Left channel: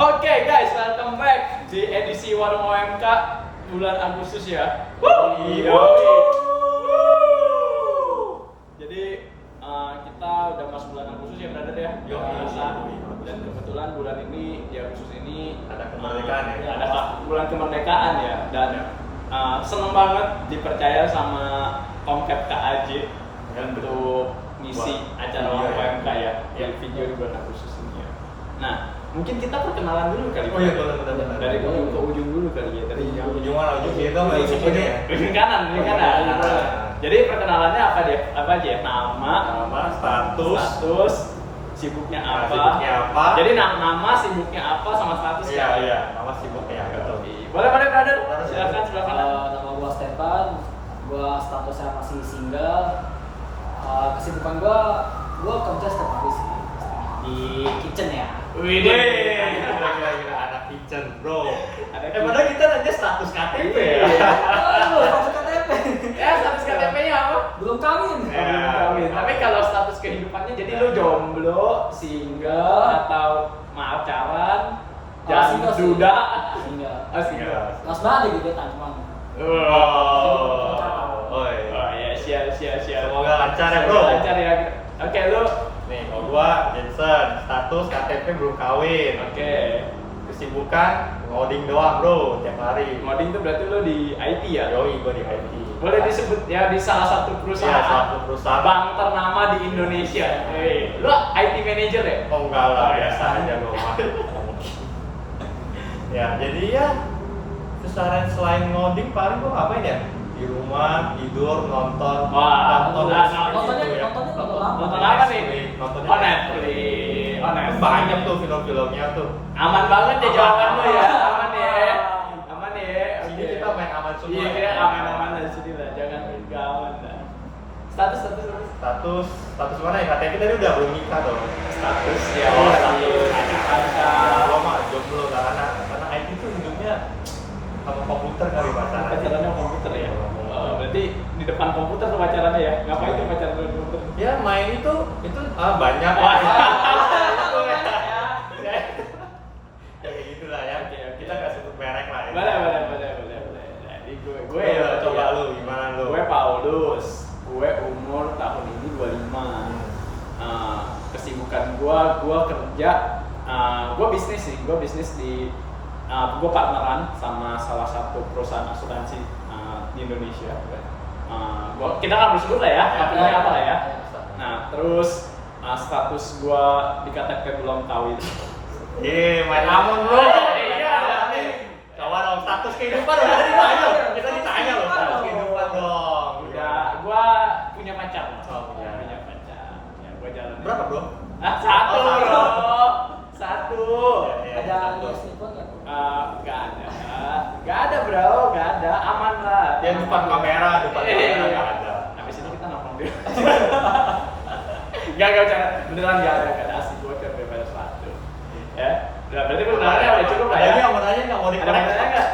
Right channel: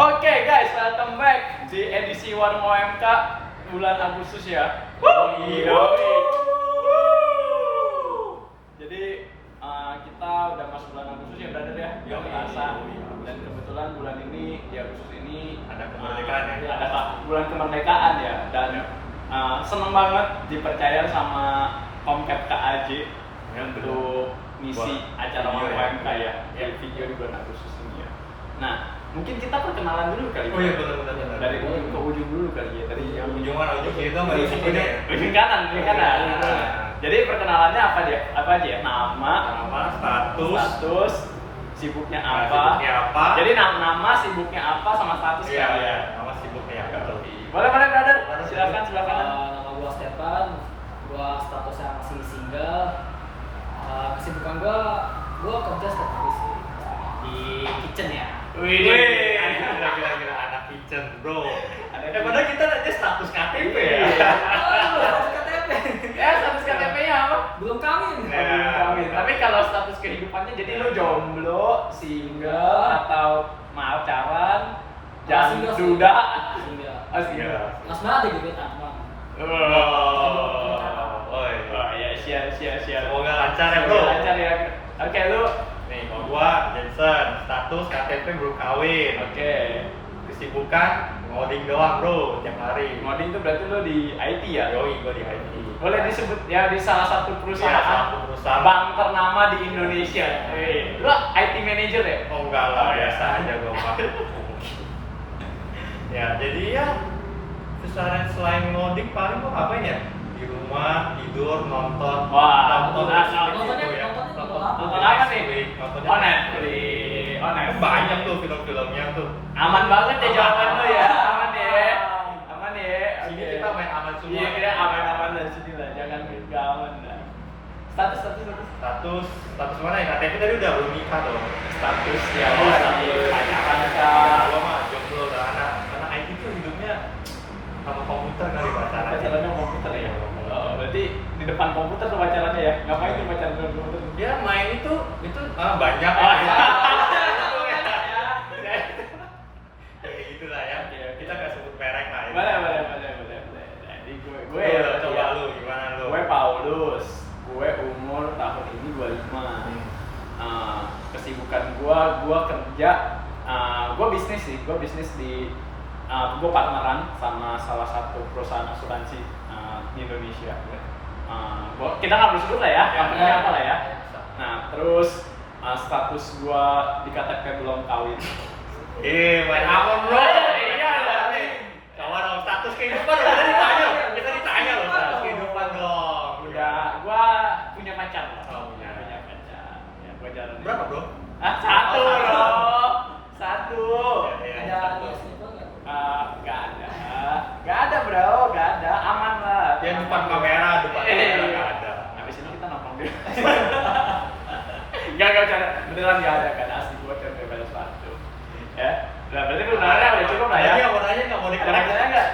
Oke guys, welcome back di edisi Warung OMK bulan Agustus ya. Jadi kita udah masuk bulan Agustus ya, brother ya. Dan kebetulan bulan ini di Agustus ini ada kemerdekaan ya. Ada bulan kemerdekaan ya. Dan seneng banget dipercaya sama Komcap KAJ untuk ngisi acara Warung OMK ya. Di video di bulan Agustus ini ya. Nah, mungkin kita perkenalan dulu kali. Oh iya benar. Dari ujung ke ujung dulu kali ya. Dari ujung mana ujung itu nggak ujung kanan. Jadi perkenalannya apa aja ya? Nama, status, sibuknya apa? Jadi nama, sibuknya apa, sama status kan? Iya, nama sibuknya betul. Boleh brother. Silakan. Nama gua Stefan, gua statusnya masih single. Kesibukan gua kerja setiap hari sih di kitchen ya. Wih, kira-kira anak kitchen, bro. Padahal kita nanya status KTP ya. Status KTP. Ya, status KTP-nya apa? Belum kawin. Belum kawin. Tapi kalau status kehidupannya jadi lu jomblo, single, atau pacaran, jangan duda. Single. Mas banget gitu kan cuma. Oh iya, siap. Semoga lancar ya, bro. Lancar ya. Oke, lu nih, kalau gua Jensen, status KTP belum kawin. Oke. Kesibukan ngoding doang, bro, tiap hari. Ngoding tuh berarti lu di IT ya? Yoi, gua di IT. Boleh disebut ya di salah satu perusahaan. Iya, salah satu perusahaan bank ternama di Indonesia. Lu IT manager ya? Oh enggak lah, biasa aja gua mah. Ya, jadi ya keseharian selain ngoding paling gua ngapain ya? Di rumah, tidur, nonton. Nonton apa nih? Nontonnya Netflix. Banyak tuh film-filmnya tuh. Aman banget ya jawaban lu ya. Aman ya. Sini kita main aman semua. Iya, kita aman lah sini lah. Jangan enggak aman lah. Status mana ya? KTP tadi udah belum nikah dong. Status ya. Status pacaran gua mah jomblo lah, karena IT tuh hidupnya sama komputer kali pacaran. Pacarannya komputer ya. Berarti di depan komputer tuh pacarannya ya. Ngapain tuh pacaran di komputer? Ya main itu banyak. Kayak gitulah ya. Kita nggak sebut merek lah ya. Boleh. Jadi gue ya coba lu gimana lu? Gue Paulus. Gue umur tahun ini 25. Kesibukan gue kerja, gue bisnis sih. Gue bisnis di gue partneran sama salah satu perusahaan asuransi di Indonesia. Kita nggak boleh sebut lah ya, company apa lah ya. Nah, terus status gue di KTP belum kawin. Main aman bro. Iya. Kawan dong, status kehidupan udah ditanya. Kita ditanya loh status kehidupan dong. Udah, gue punya pacar loh. Oh, punya pacar. Ya, gue jalan. Berapa bro? Satu bro. Satu. Ada selingkuh nggak? Gak ada bro, gak ada, aman lah. Dia depan kamera nggak ada. Habis ini kita nongkrong dulu. Gak cara, beneran gak ada asli gue cuma bebas satu. Ya, nah, berarti pengenalannya udah cukup lah ya. Ada yang mau nanya nggak mau Ada dikorek? pertanyaan nggak?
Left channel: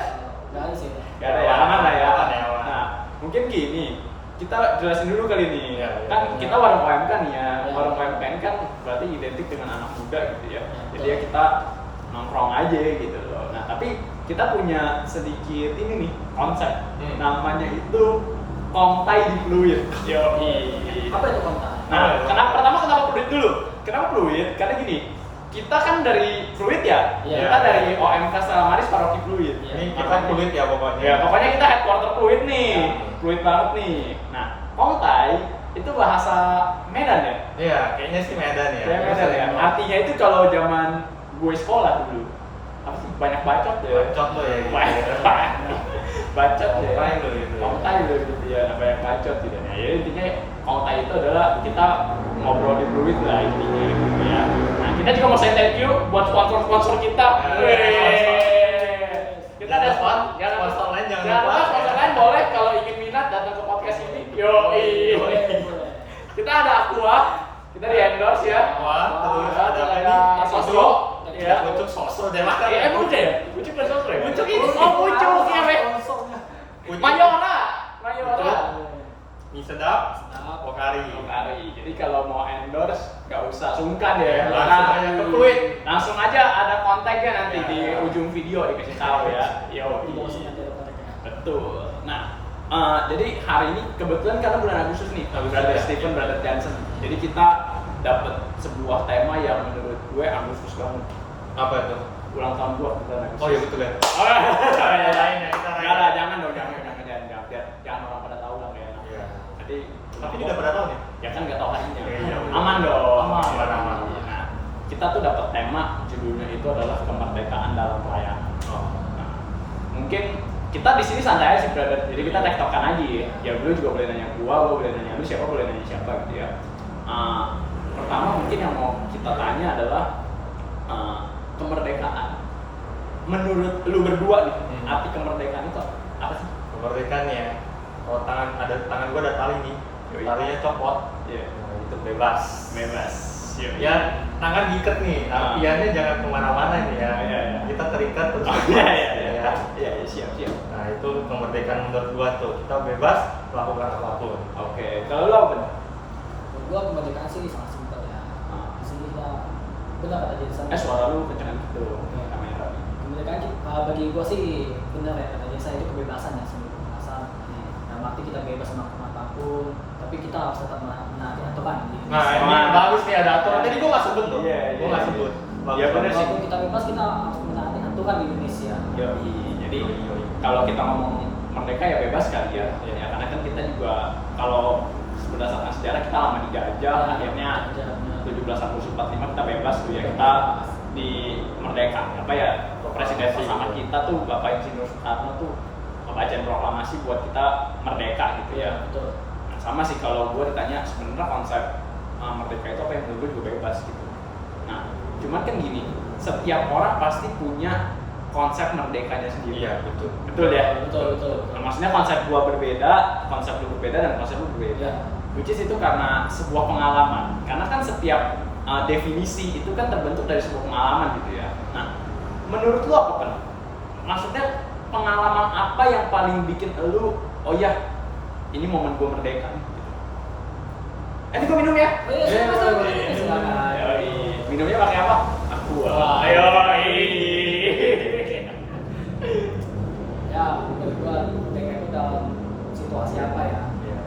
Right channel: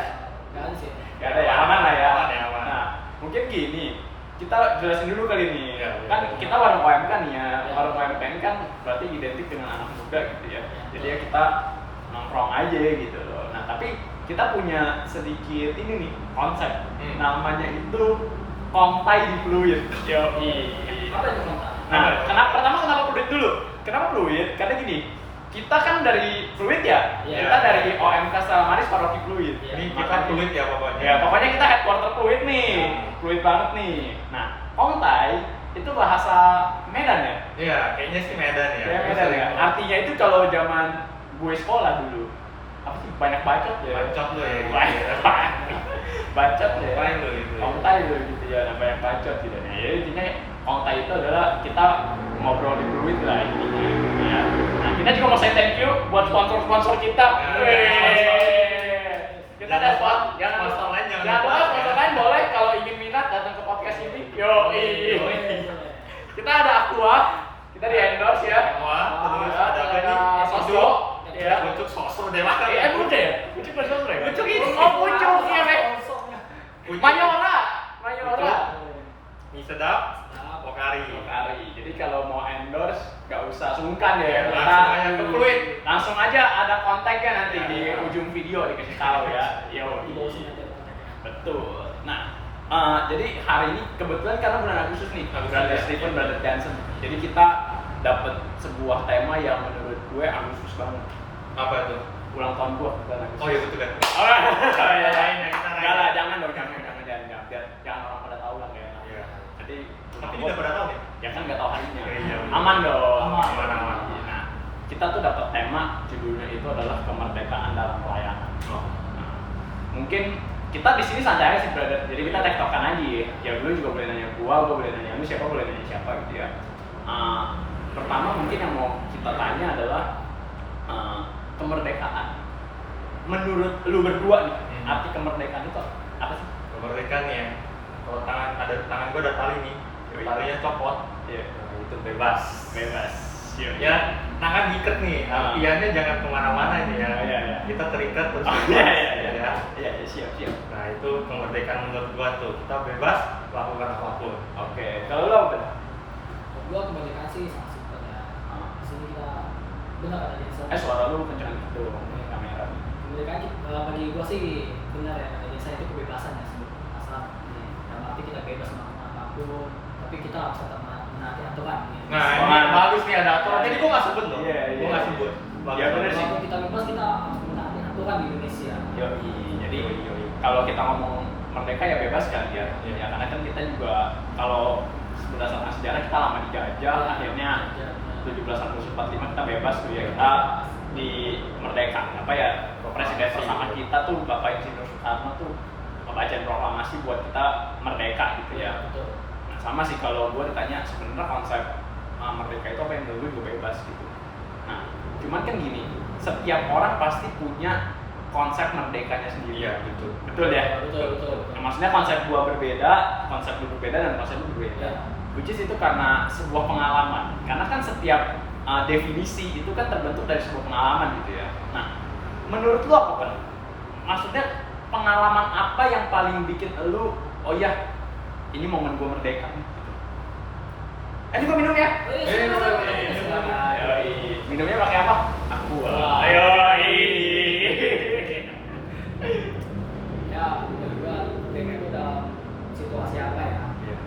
Nggak ada sih. Gak ada ya, aman lah ya. Aman. Nah, mungkin gini, kita jelasin dulu kali nih. Ya. Kan kita warung OMK nih ya. Warung OMK ini kan berarti identik dengan anak muda gitu ya. Jadi ya kita nongkrong aja gitu loh. Nah, tapi kita punya sedikit ini nih konsep. Namanya itu kontai di fluid. Apa itu kontak? Nah, kenapa fluid dulu? Kenapa fluid? Karena gini, kita kan dari fluid ya. Kita dari OMK Salamaris Paroki Fluid. Ini kita fluid ya pokoknya. Ya, pokoknya kita headquarter fluid nih. Fluid banget nih. Nah, kontai itu bahasa Medan ya? Iya, kayaknya sih Medan ya. Kayak Medan ya. Artinya itu kalau zaman gue sekolah dulu, apa sih, banyak bacot ya? Bacot lo ya gitu. Bacot ya. Kontai lo gitu. Kontai lo gitu ya. Nah, banyak bacot gitu. Nah, jadi intinya kontai itu adalah kita ngobrol di fluid lah intinya gitu ya. Nah, kita juga mau say thank you buat sponsor kita. Kita ada sponsor lain jangan lupa. Sponsor lain boleh kalau ingin minat datang ke podcast ini. Yoi. Kita ada Aqua. Kita di endorse ya. Terus ada apa ini? Sosro. Ya, bucuk sosro dewa. Bucuk ya? Bucuk bukan sosro ya? Bucuk ini. Oh, bucuk ya, Mek. Mayora. Mie sedap. Mantap. Pokari. Jadi kalau mau endorse nggak usah sungkan ya. Ya, langsung aja ke Fluid. Langsung aja ada kontaknya nanti Ya, di ya. ujung video dikasih tahu ya. Di bawah sini nanti ada kontaknya. Betul. Nah, jadi hari ini kebetulan karena bulan Agustus nih, Agustus, Brother ya. Stephen, Brother Johnson. Jadi kita dapat sebuah tema yang menurut gue Agustus banget. Apa itu? Ulang tahun gue bulan Agustus. Oh iya betul ya. Oh, ya. Rayain ya, kita rayain. Enggak lah, jangan dong, jangan. Biar jangan orang pada tahu lah nggak enak. Iya. Jadi Tapi ini udah pada tahu nih. ya kan nggak tahu harinya. Iya. Aman dong. Aman. Nah, kita tuh dapat tema judulnya itu adalah kemerdekaan dalam pelayanan. Oh. Nah, mungkin kita di sini santai aja sih, brother. Jadi kita tektokan aja ya. Ya lu juga boleh nanya gua boleh nanya lu, siapa boleh nanya siapa gitu ya. Pertama mungkin yang mau kita tanya adalah kemerdekaan. Menurut lu berdua nih, arti kemerdekaan itu apa sih? Kemerdekaan ya. Kalau tangan gua ada tali nih. Yoi. Talinya copot. Iya. Nah, itu bebas. Bebas. Ya, tangan diikat nih. Apiannya jangan kemana-mana nih ya. Iya, iya. Kita terikat terus Oh, bebas. iya, siap. Nah, itu kemerdekaan menurut gua tuh. Kita bebas melakukan apapun. Oke, kalau lu apa Ben? Menurut gua kemerdekaan sih sangat simpel ya. Di sini kita benar kata Jensen. Suara lu kencang gitu kamera nih. Kemerdekaan bagi gua sih benar ya kata Jensen, itu kebebasan ya, sebuah kebebasan. Dalam arti kita bebas melakukan apapun, tapi kita harus tetap menaati aturan. Nah, ini bagus nih ada aturan. Tadi gua nggak sebut loh. Iya, Gua nggak sebut. Bagus. Iya, bener sih. Walaupun kita bebas, kita harus menaati aturan di Indonesia. Yoi. Jadi Yoi. kalau kita ngomong merdeka ya bebas kali ya. Iya. Ya karena kan kita juga kalau berdasarkan sejarah kita lama dijajah, akhirnya 17 Agustus 45 kita bebas tuh ya, kita di merdeka. Apa ya, presiden pertama kita tuh Bapak Insinyur Soekarno tuh bacain proklamasi buat kita merdeka gitu ya. Betul. Nah, sama sih kalau gue ditanya sebenarnya konsep merdeka itu apa, yang menurut gue juga bebas gitu. Nah, cuman kan gini, setiap orang pasti punya konsep merdekanya sendiri. Iya, betul. Betul ya? Betul. Nah, maksudnya konsep gua berbeda, konsep lu berbeda, dan konsep lu berbeda. Iya. Which is itu karena sebuah pengalaman. Karena kan setiap definisi itu kan terbentuk dari sebuah pengalaman gitu ya. Nah, menurut lu apa Pen? Maksudnya pengalaman apa yang paling bikin lu, oh iya, ini momen gua merdeka nih gitu. Ini gua minum ya? Oh iya, silakan. Yoi. Minumnya pakai apa? Aqua. Wah. Ayo. Ya, menurut gua merdeka itu dalam situasi apa ya? Iya.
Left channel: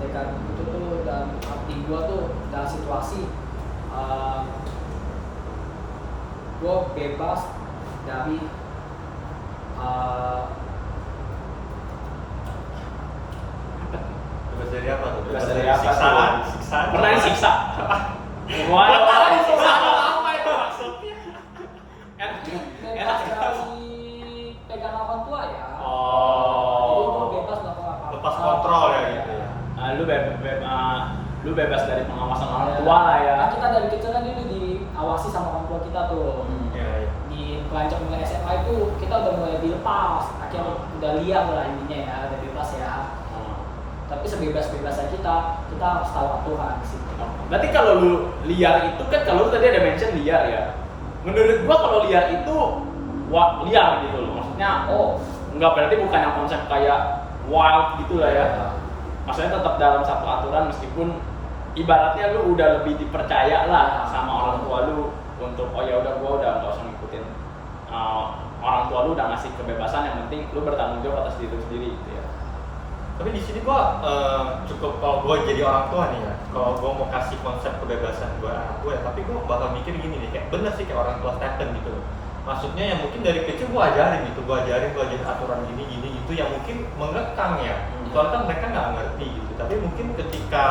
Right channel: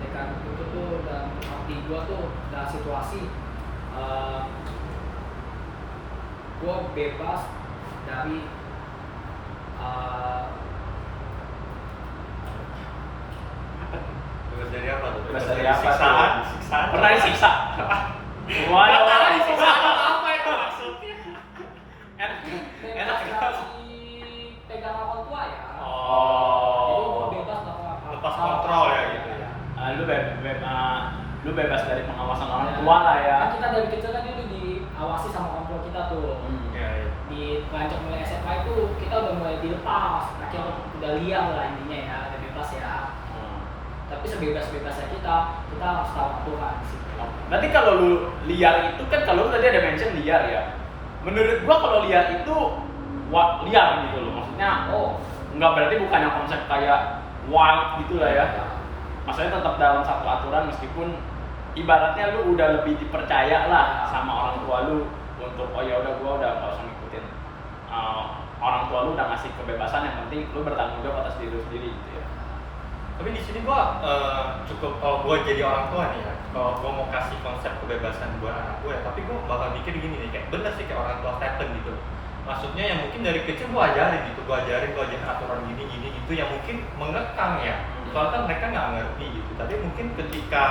Merdeka itu tuh dalam arti gua tuh dalam situasi gua bebas dari Bebas dari apa tuh? Bebas dari apa siksaan. tuh? Siksaan. Pernah disiksa? Wah, Wah, tahu disiksa apa itu maksudnya? enak bebas dari pegangan orang tua ya. Jadi Oh. gua bebas melakukan apa? Lepas kontrol ya gitu ya. Lu bebas dari pengawasan orang Ya. tua lah ya. Kan kita dari kecil kan dulu diawasi sama orang tua kita tuh. Iya, iya. Di pelancong mulai SMA itu kita udah mulai dilepas, akhirnya udah liar lah intinya ya, udah bebas ya. Tapi sebebas-bebasnya kita harus tahu aturan di situ. Berarti kalau lu liar itu kan, kalau lu tadi ada mention liar ya. Menurut gua kalau liar itu liar gitu loh. Maksudnya Oh, nggak berarti bukan yang konsep kayak wild gitu lah ya. Maksudnya tetap dalam satu aturan, meskipun ibaratnya lu udah lebih dipercaya lah sama orang tua lu untuk oh ya udah gua udah nggak usah ngikutin orang tua lu, udah ngasih kebebasan, yang penting lu bertanggung jawab atas diri lu sendiri gitu ya. Tapi di sini gua cukup, kalau gua jadi orang tua nih ya, kalau gua mau kasih konsep kebebasan buat anak gua ya, tapi gua bakal mikir gini nih, kayak bener sih kayak orang tua Stephen gitu loh. Maksudnya yang mungkin dari kecil gua ajarin gitu, gua ajarin aturan gini gitu yang mungkin mengekang ya. Soalnya kan mereka nggak ngerti gitu. Tapi mungkin ketika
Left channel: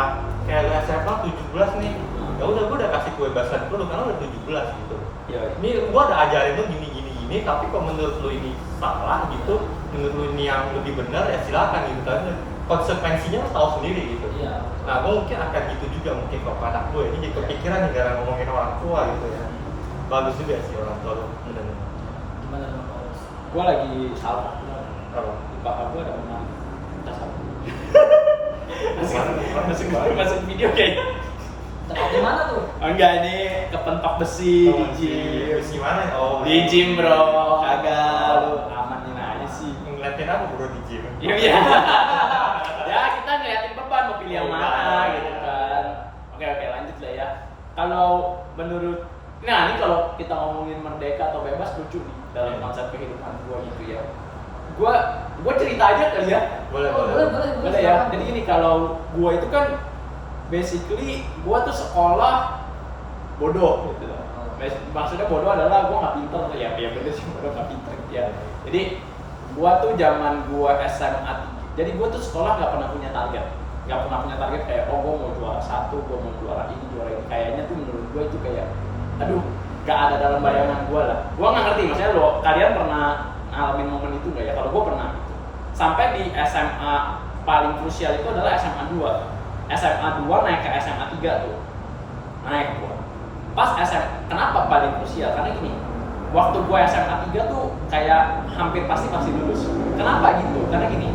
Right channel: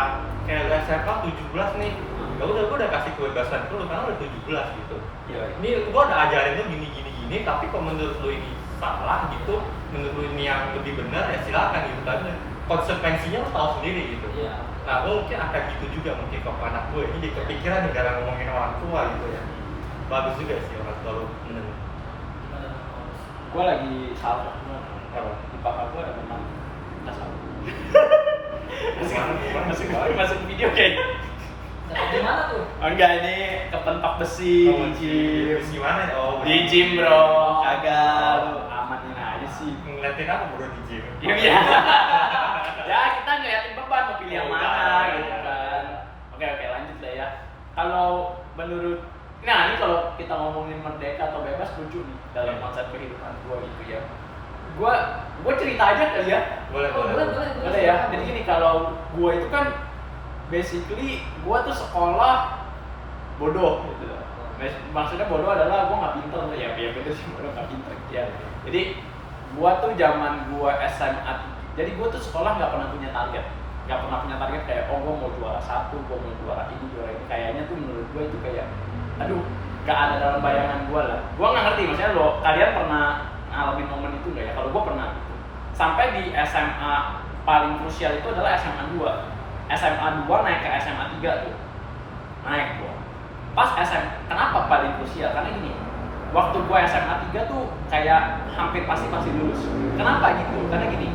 kayak lu SMA 17 nih, ya udah gua udah kasih kebebasan ke lu karena udah 17 gitu. Iya. Ini gua udah ajarin lu gini, tapi kalau menurut lu ini salah gitu, menurut lu ini yang lebih benar ya silakan gitu. Tapi konsekuensinya lu tahu sendiri gitu. iya. Nah, gue mungkin akan gitu juga mungkin ke anak gue. Ini jadi kepikiran nih karena ngomongin orang tua gitu ya. Bagus juga sih orang tua lu. Bener. Gimana dengan Paulus? Gua lagi salah. Apa? Di pakar gua ada memang tas apa? Gimana? Masuk video kayaknya. Tempat di mana tuh? Oh, enggak, ini kepentok besi di gym. Terus gimana ya? Oh, Di gym bro, kagak lu amanin aja sih. ngeliatin apa bro di gym? Iya. Ya Ya kita ngeliatin beban mau pilih yang Oh, mana iya. gitu kan. Oke lanjut lah ya. Kalau menurut ini kalau kita ngomongin merdeka atau bebas lucu nih dalam konsep kehidupan gua gitu ya. Gua cerita aja kali ya. Boleh. Boleh ya. Jadi gini, kalau gua itu kan basically gua tuh sekolah bodoh gitu loh. Maksudnya bodoh adalah gua nggak pinter ya bener sih, bodoh nggak pinter gitu ya. Jadi gua tuh zaman gua SMA 3. Jadi gua tuh sekolah nggak pernah punya target. Nggak pernah punya target kayak gua mau juara 1, gua mau juara ini. Kayaknya tuh menurut gua itu kayak aduh, nggak ada dalam bayangan gua lah. Gua nggak ngerti maksudnya kalian pernah ngalamin momen itu nggak ya? Kalau gua pernah gitu. Sampai di SMA paling krusial itu adalah SMA 2. SMA 2 naik ke SMA 3 tuh. Naik gua. Pas kenapa paling krusial? Karena gini, waktu gua SMA 3 tuh kayak hampir pasti lulus. Kenapa gitu? Karena gini,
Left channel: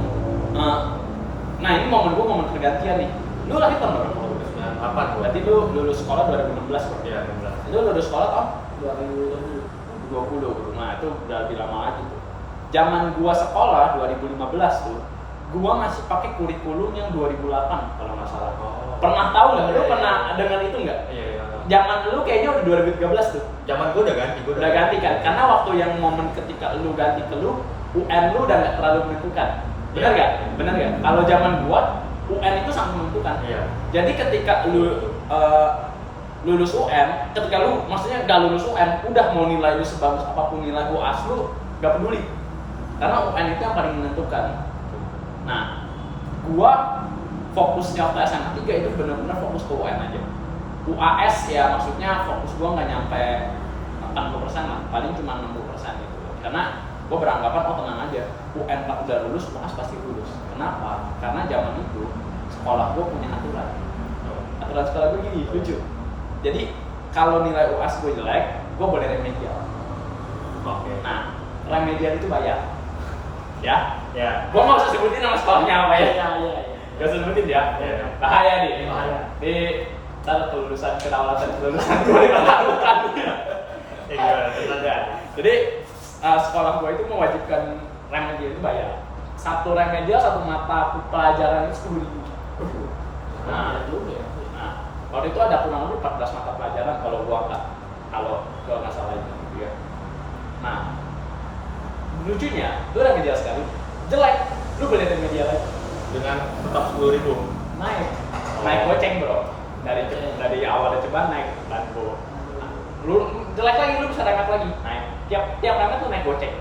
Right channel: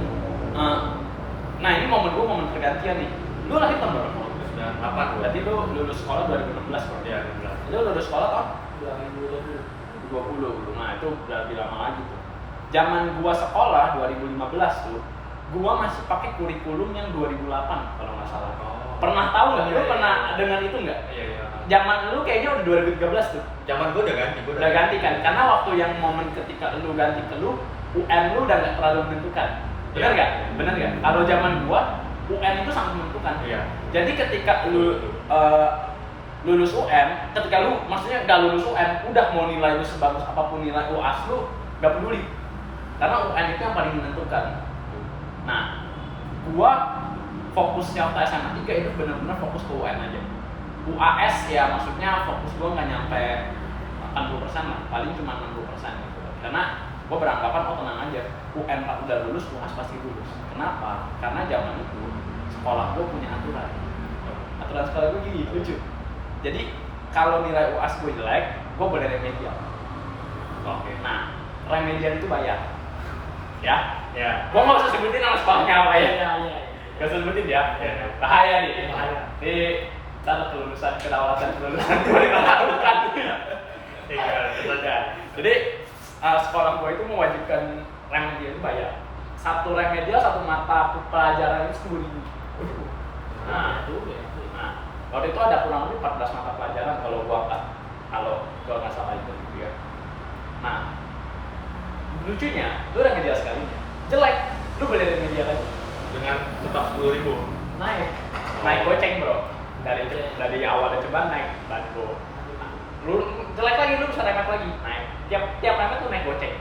nah ini momen pergantian nih. Lu lahir tahun berapa? 98 gua. Berarti lu lulus sekolah 2016 bro? Iya, 16. Lu lulus sekolah tahun 2020. 2020. Nah itu udah lebih lama lagi tuh. Zaman gua sekolah 2015 tuh, gua masih pakai kurikulum yang 2008 kalau nggak salah. Pernah tahu nggak? Lu pernah dengar itu nggak? Iya. Zaman lu kayaknya udah 2013 tuh. Zaman gua udah ganti, Udah ganti kan? Karena waktu yang momen ketika lu ganti ke lu, UN lu udah nggak terlalu menentukan. Bener nggak? Bener nggak? Kalau zaman gua, UN itu sangat menentukan. Iya. Jadi ketika lu lulus UN, ketika lu maksudnya nggak lulus UN, udah mau nilai lu sebagus apapun nilai UAS lu, nggak peduli. Karena UN itu yang paling menentukan. Nah, gua fokusnya waktu SMA 3 itu benar-benar fokus ke UN aja. UAS ya maksudnya fokus gua nggak nyampe 80% lah, paling cuma 60% gitu. Karena gua beranggapan tenang aja, UN udah lulus, UAS pasti lulus. Kenapa? Karena zaman itu sekolah gua punya aturan. Aturan sekolah gua gini, lucu. Jadi kalau nilai UAS gua jelek, gua boleh remedial. Oke. Nah, remedial itu bayar. Ya? Ya. Gua nggak usah sebutin nama sekolahnya apa ya. Iya. Gak usah sebutin ya. Iya. Bahaya nih. Bahaya. Ini ntar kedaulatan kelulusan gua dipertaruhkan. Iya, betul ya. Jadi sekolah gua itu mewajibkan remedial itu bayar. Satu remedial, satu mata pelajaran itu 10.000. Nah, waktu itu ada kurang lebih 14 mata pelajaran kalau gua angkat, kalau nggak salah itu gitu ya. Nah, lucunya, lu remedial sekali, jelek, lu boleh remedial lagi. Dengan tetap 10.000. Naik goceng bro, dari awal ada cobaan naik bantu. Lu jelek lagi, lu bisa remet lagi, naik. Tiap remet tuh naik goceng.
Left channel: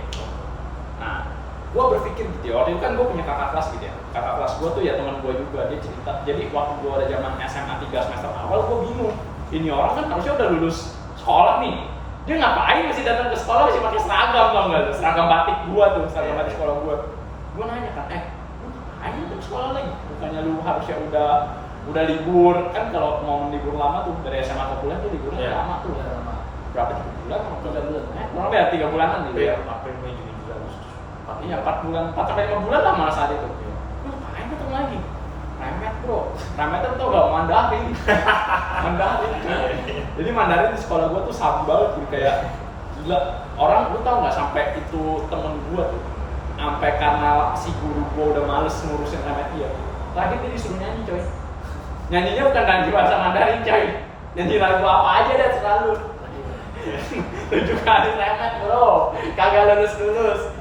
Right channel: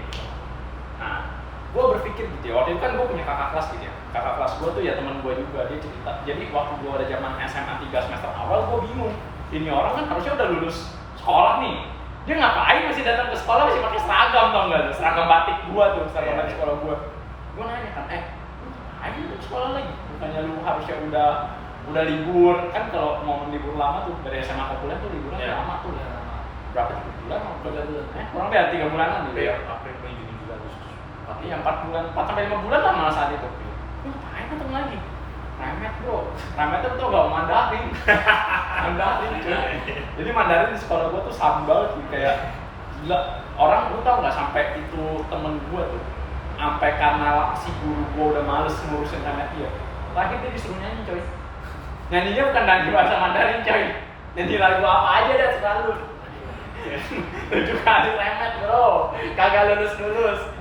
Nah, gue berpikir gitu ya, waktu itu kan gue punya kakak kelas gitu ya. Kakak kelas gue tuh ya teman gue juga, dia cerita. Jadi waktu gue ada zaman SMA 3 semester awal, gue bingung. Ini orang kan harusnya udah lulus sekolah nih. Dia ngapain masih datang ke sekolah masih pakai seragam, tau nggak lu? Seragam batik gue tuh, seragam batik sekolah gue. Gue nanya kan, lu ngapain datang sekolah lagi? Bukannya lu harusnya udah libur, kan kalau momen libur lama tuh dari SMA ke kuliah tuh liburnya lama tuh. Berapa 3 bulan? 3 bulan? Kurang lebih 3 bulanan gitu ya. April, Mei, Juni, Juli, Agustus. Iya 4 bulan, 4 sampai 5 bulan lah malah saat itu. Lu ngapain datang lagi? Remet bro, remet tuh gak Mandarin. Mandarin cuy. Jadi Mandarin di sekolah gua tuh sabi banget gitu, kayak gila. Orang lu tau gak sampai itu temen gua tuh, sampai karena si guru gua udah males ngurusin remet dia, lagi dia disuruh nyanyi coy. Nyanyinya bukan ganti bahasa Mandarin coy, nyanyi lagu apa aja dah selalu. 7 kali remet bro, kagak lulus.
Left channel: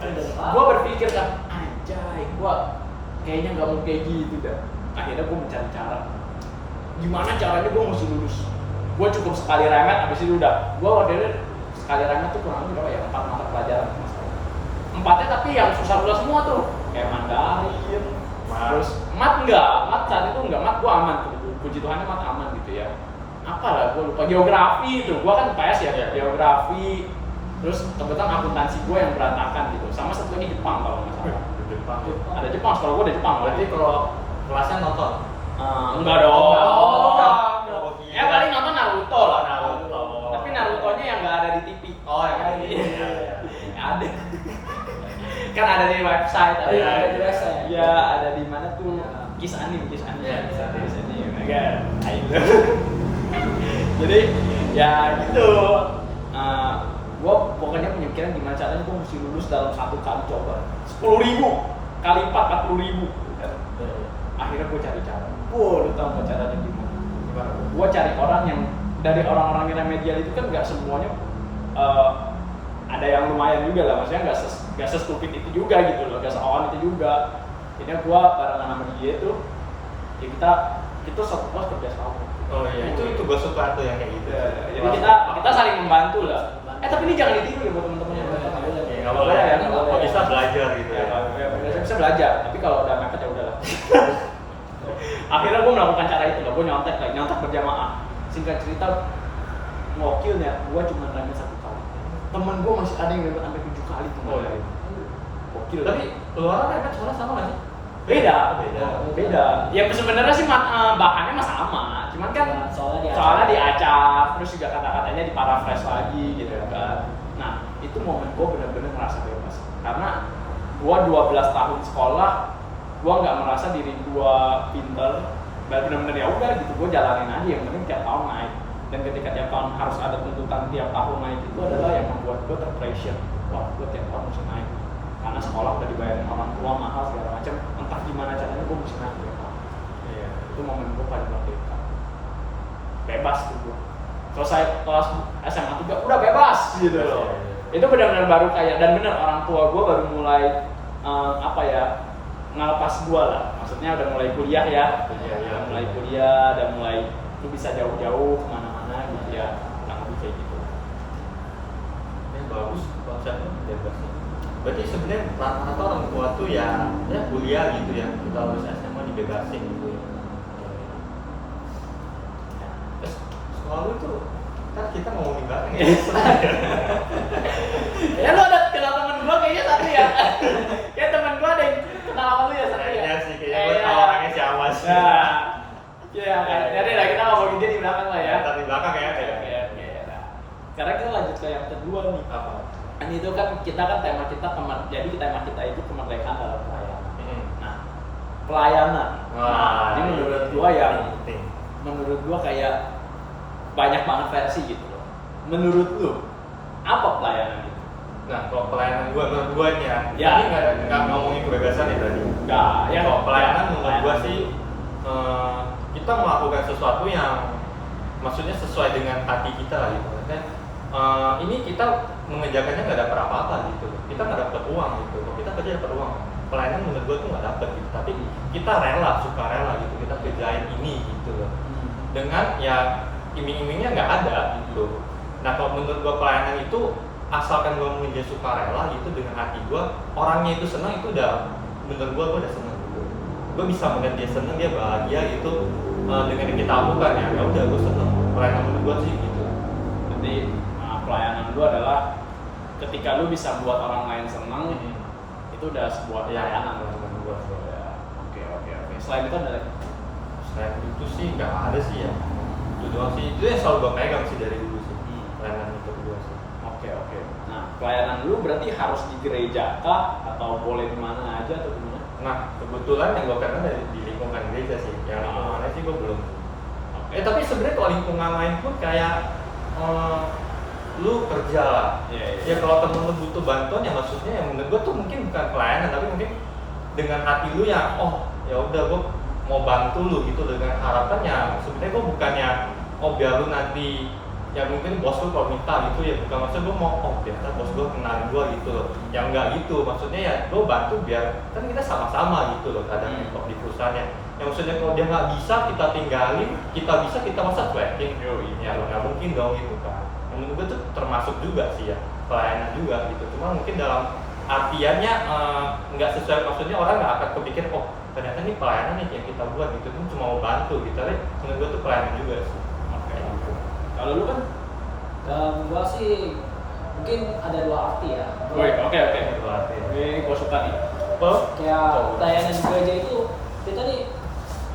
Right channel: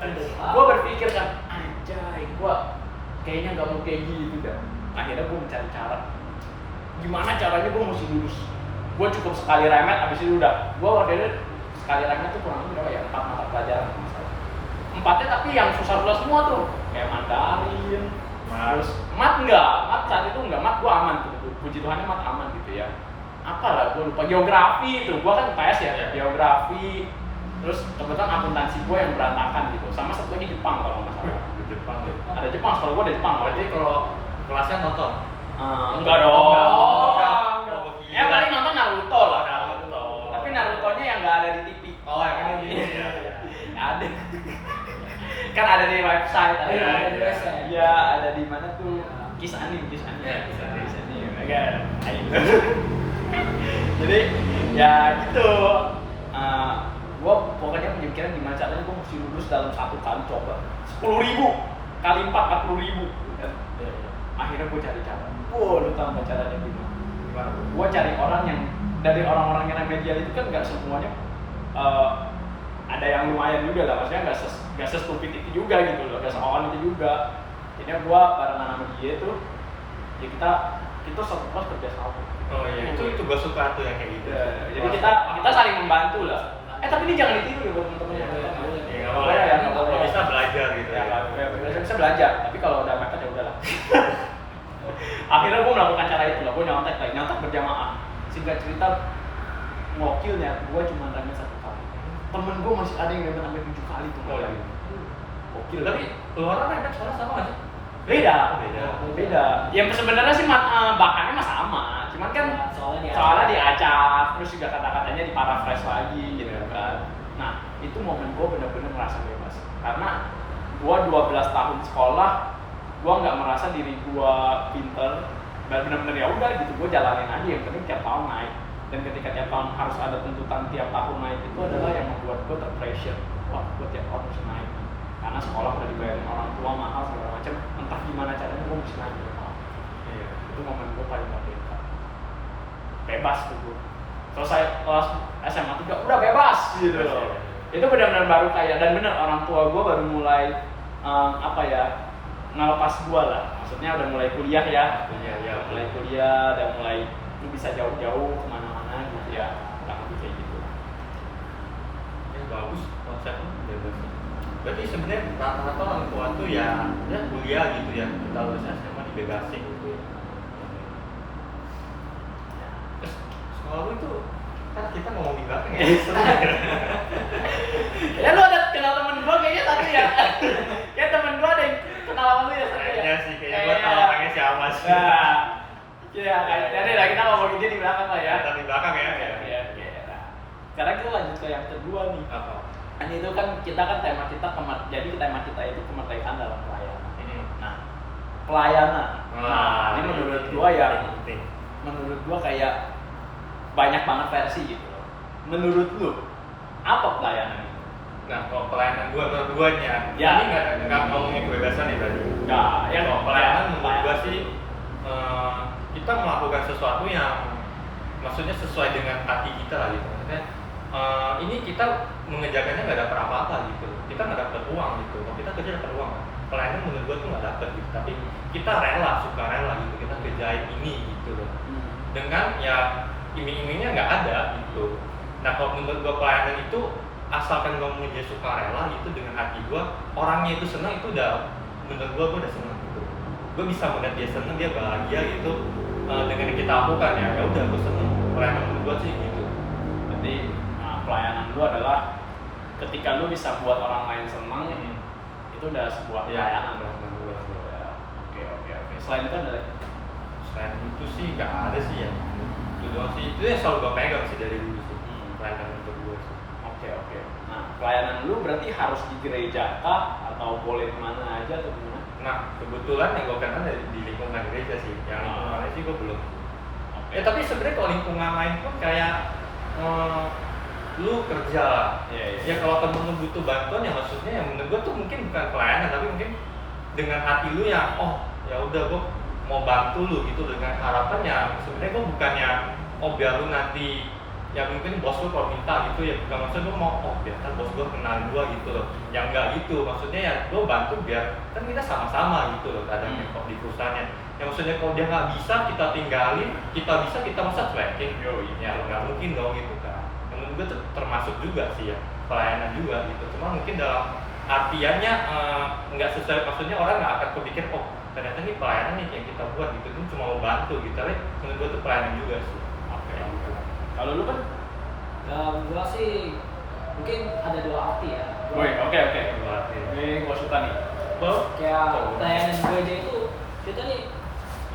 Gua berpikir kan, anjay, gua kayaknya nggak mau kayak gitu dah. Akhirnya gua mencari cara, gimana caranya gua mesti lulus. Gua cukup sekali remet, abis itu udah. Gua waktu itu sekali remet tuh kurang lebih berapa ya? 4 mata pelajaran. 4-nya tapi yang susah-susah semua tuh, kayak Mandarin. Terus mat saat itu enggak, mat gua aman tuh, puji Tuhannya mat aman gitu ya. Apalah gua lupa, geografi itu, gua kan IPS ya, geografi. Terus kebetulan akuntansi gua yang berantakan gitu, sama satu lagi Jepang kalau nggak salah. Jepang ya. Ada Jepang, sekolah gua ada Jepang. Berarti kalau kelasnya nonton? Enggak dong. Paling nonton Naruto lah. Naruto. Tapi Narutonya yang nggak ada di TV. Oh, yang ada di TV. Ada. Kan ada di website, ada di website. Iya, ada di mana tuh? Kiss anime. Kiss anime. Jadi ya gitu. Gue pokoknya pemikiran gimana caranya gue mesti lulus dalam 1 kali coba. 10.000 kali 4, 40.000 kan. akhirnya gue cari cara. Lu tau nggak caranya gimana? Gimana bro? Gue cari orang yang dari orang-orang yang remedial itu kan nggak semuanya ada yang lumayan juga lah, maksudnya nggak sestupid itu juga gitu loh, nggak seawan itu juga. Jadi gue barengan sama dia tuh, ya kita satu kelas kerja sama. Oh iya, itu gue suka tuh yang kayak gitu. Jadi kita saling membantu lah. Tapi ini jangan ditiru ya buat teman-teman yang nonton. Ya nggak boleh ya, kalau bisa belajar gitu ya. Bisa belajar, tapi kalau udah mepet ya udahlah. Akhirnya gue melakukan cara itu lah, gue nyontek berjamaah. Singkat cerita, ngokilnya gue cuma remet 1 kali. Temen gue masih ada yang remet sampai 7 kali tuh. Oh iya. Gokil. Tapi keluaran remet soalnya sama nggak sih? Beda. Beda. Ya sebenarnya sih bahannya mah sama, cuman kan soalnya diacak, terus juga kata-katanya diparaphrase lagi gitu kan. Nah, itu momen gue bener-bener ngerasa bebas. Karena gue 12 tahun sekolah, gue nggak merasa diri gue pinter, bener-bener ya udah gitu, gue jalanin aja, yang penting tiap tahun naik. Dan ketika tiap tahun harus ada tuntutan tiap tahun naik, itu adalah yang membuat gue terpressure. Wah, gue tiap tahun mesti naik. Karena sekolah udah dibayarin orang tua mahal segala macam, entah gimana caranya gue mesti naik. Iya. Itu momen gue paling merdeka. Bebas tuh gue. Selesai kelas SMA 3 udah bebas gitu loh. Itu benar-benar baru kayak, dan benar orang tua gue baru mulai ngelepas gue lah. Maksudnya udah mulai kuliah ya. Mulai kuliah, udah mulai lu bisa jauh-jauh kemana-mana gitu ya. Kurang lebih kayak gitu. Yang bagus konsepnya bebas. Berarti sebenarnya rata-rata orang tua tuh ya kuliah gitu ya, kita lulus SMA dibebasin gitu ya. Terus sekolah lu itu kan kita ngomongin belakang ya. Ya lu ada kenal temen gua kayaknya satu ya. Kayak temen gua ada yang kenal sama lu ya satu ya. Kayaknya sih, kayaknya gua tahu orangnya si Awas. Nah, iya kan. Jadi lah kita ngomongin dia di belakang lah ya. Tapi belakang ya. Oke. Nah, sekarang kita lanjut ke yang kedua nih. Apa? Kan itu kan kita tema kita itu kemerdekaan dalam pelayanan. Nah, pelayanan. Nah, ini menurut gua ya. Menurut gua kayak banyak banget versi gitu loh. Menurut lu apa pelayanan itu? Nah, kalau pelayanan gue menurut gue nya, ya. ini nggak ngomongin kebebasan ya berarti. Nggak. Ya, kalau pelayanan ya, menurut gue sih kita melakukan sesuatu yang maksudnya sesuai dengan hati kita lah gitu. Maksudnya ini kita mengerjakannya nggak dapat apa-apa gitu loh. Kita nggak dapat uang gitu. Kalau kita kerja dapat uang kan. Pelayanan menurut gue tuh nggak dapat gitu. Tapi kita suka rela gitu. Kita kerjain ini gitu loh. Dengan ya iming-imingnya nggak ada gitu. Nah kalau menurut gue pelayanan itu asalkan gue mengerjakan sukarela gitu dengan hati gue, orangnya itu senang, itu udah menurut gue udah senang gitu. Gue bisa melihat dia senang, dia bahagia gitu dengan yang kita lakukan ya udah gue senang. Pelayanan menurut gue sih gitu. Berarti pelayanan lu adalah ketika lu bisa buat orang lain senang, itu udah sebuah pelayanan. Oke. Selain itu ada lagi? Selain itu sih nggak ada sih ya. Itu doang sih, itu yang selalu gue pegang sih dari dulu sih. Pelayanan untuk gue sih. Oke. Nah, pelayanan lu berarti harus di gereja kah atau boleh di mana aja atau gimana? Nah, kebetulan yang gue kenal dari di lingkungan gereja sih. Yang lingkungan lain sih gue belum. Okay. Tapi sebenarnya kalau lingkungan lain pun kayak lu kerja lah. Ya kalau temen lu butuh bantuan ya maksudnya ya menurut gue tuh mungkin bukan pelayanan tapi mungkin dengan hati lu yang ya udah gue mau bantu lu gitu dengan harapan ya sebenarnya gue bukannya biar lu nanti ya mungkin bos lu kalau minta gitu ya bukan maksud lu mau biar bos gue kenalin gue gitu loh yang enggak gitu maksudnya ya gue bantu biar kan kita sama-sama gitu loh kadangnya kok di perusahaannya ya maksudnya kalau dia nggak bisa kita tinggalin kita bisa kita masa cuekin ya nggak mungkin dong gitu kan menurut gue tuh termasuk juga sih ya pelayanan juga gitu cuma mungkin dalam artiannya nggak sesuai maksudnya orang nggak akan kepikir ternyata ini pelayanan nih yang kita buat gitu tuh cuma mau bantu gitu tapi menurut gue tuh pelayanan juga sih. Oke. Kalau lu kan? Gua sih mungkin ada 2 arti ya. Oke. Dua arti. Ini gua suka nih. Kayak pelayanan gereja itu kita nih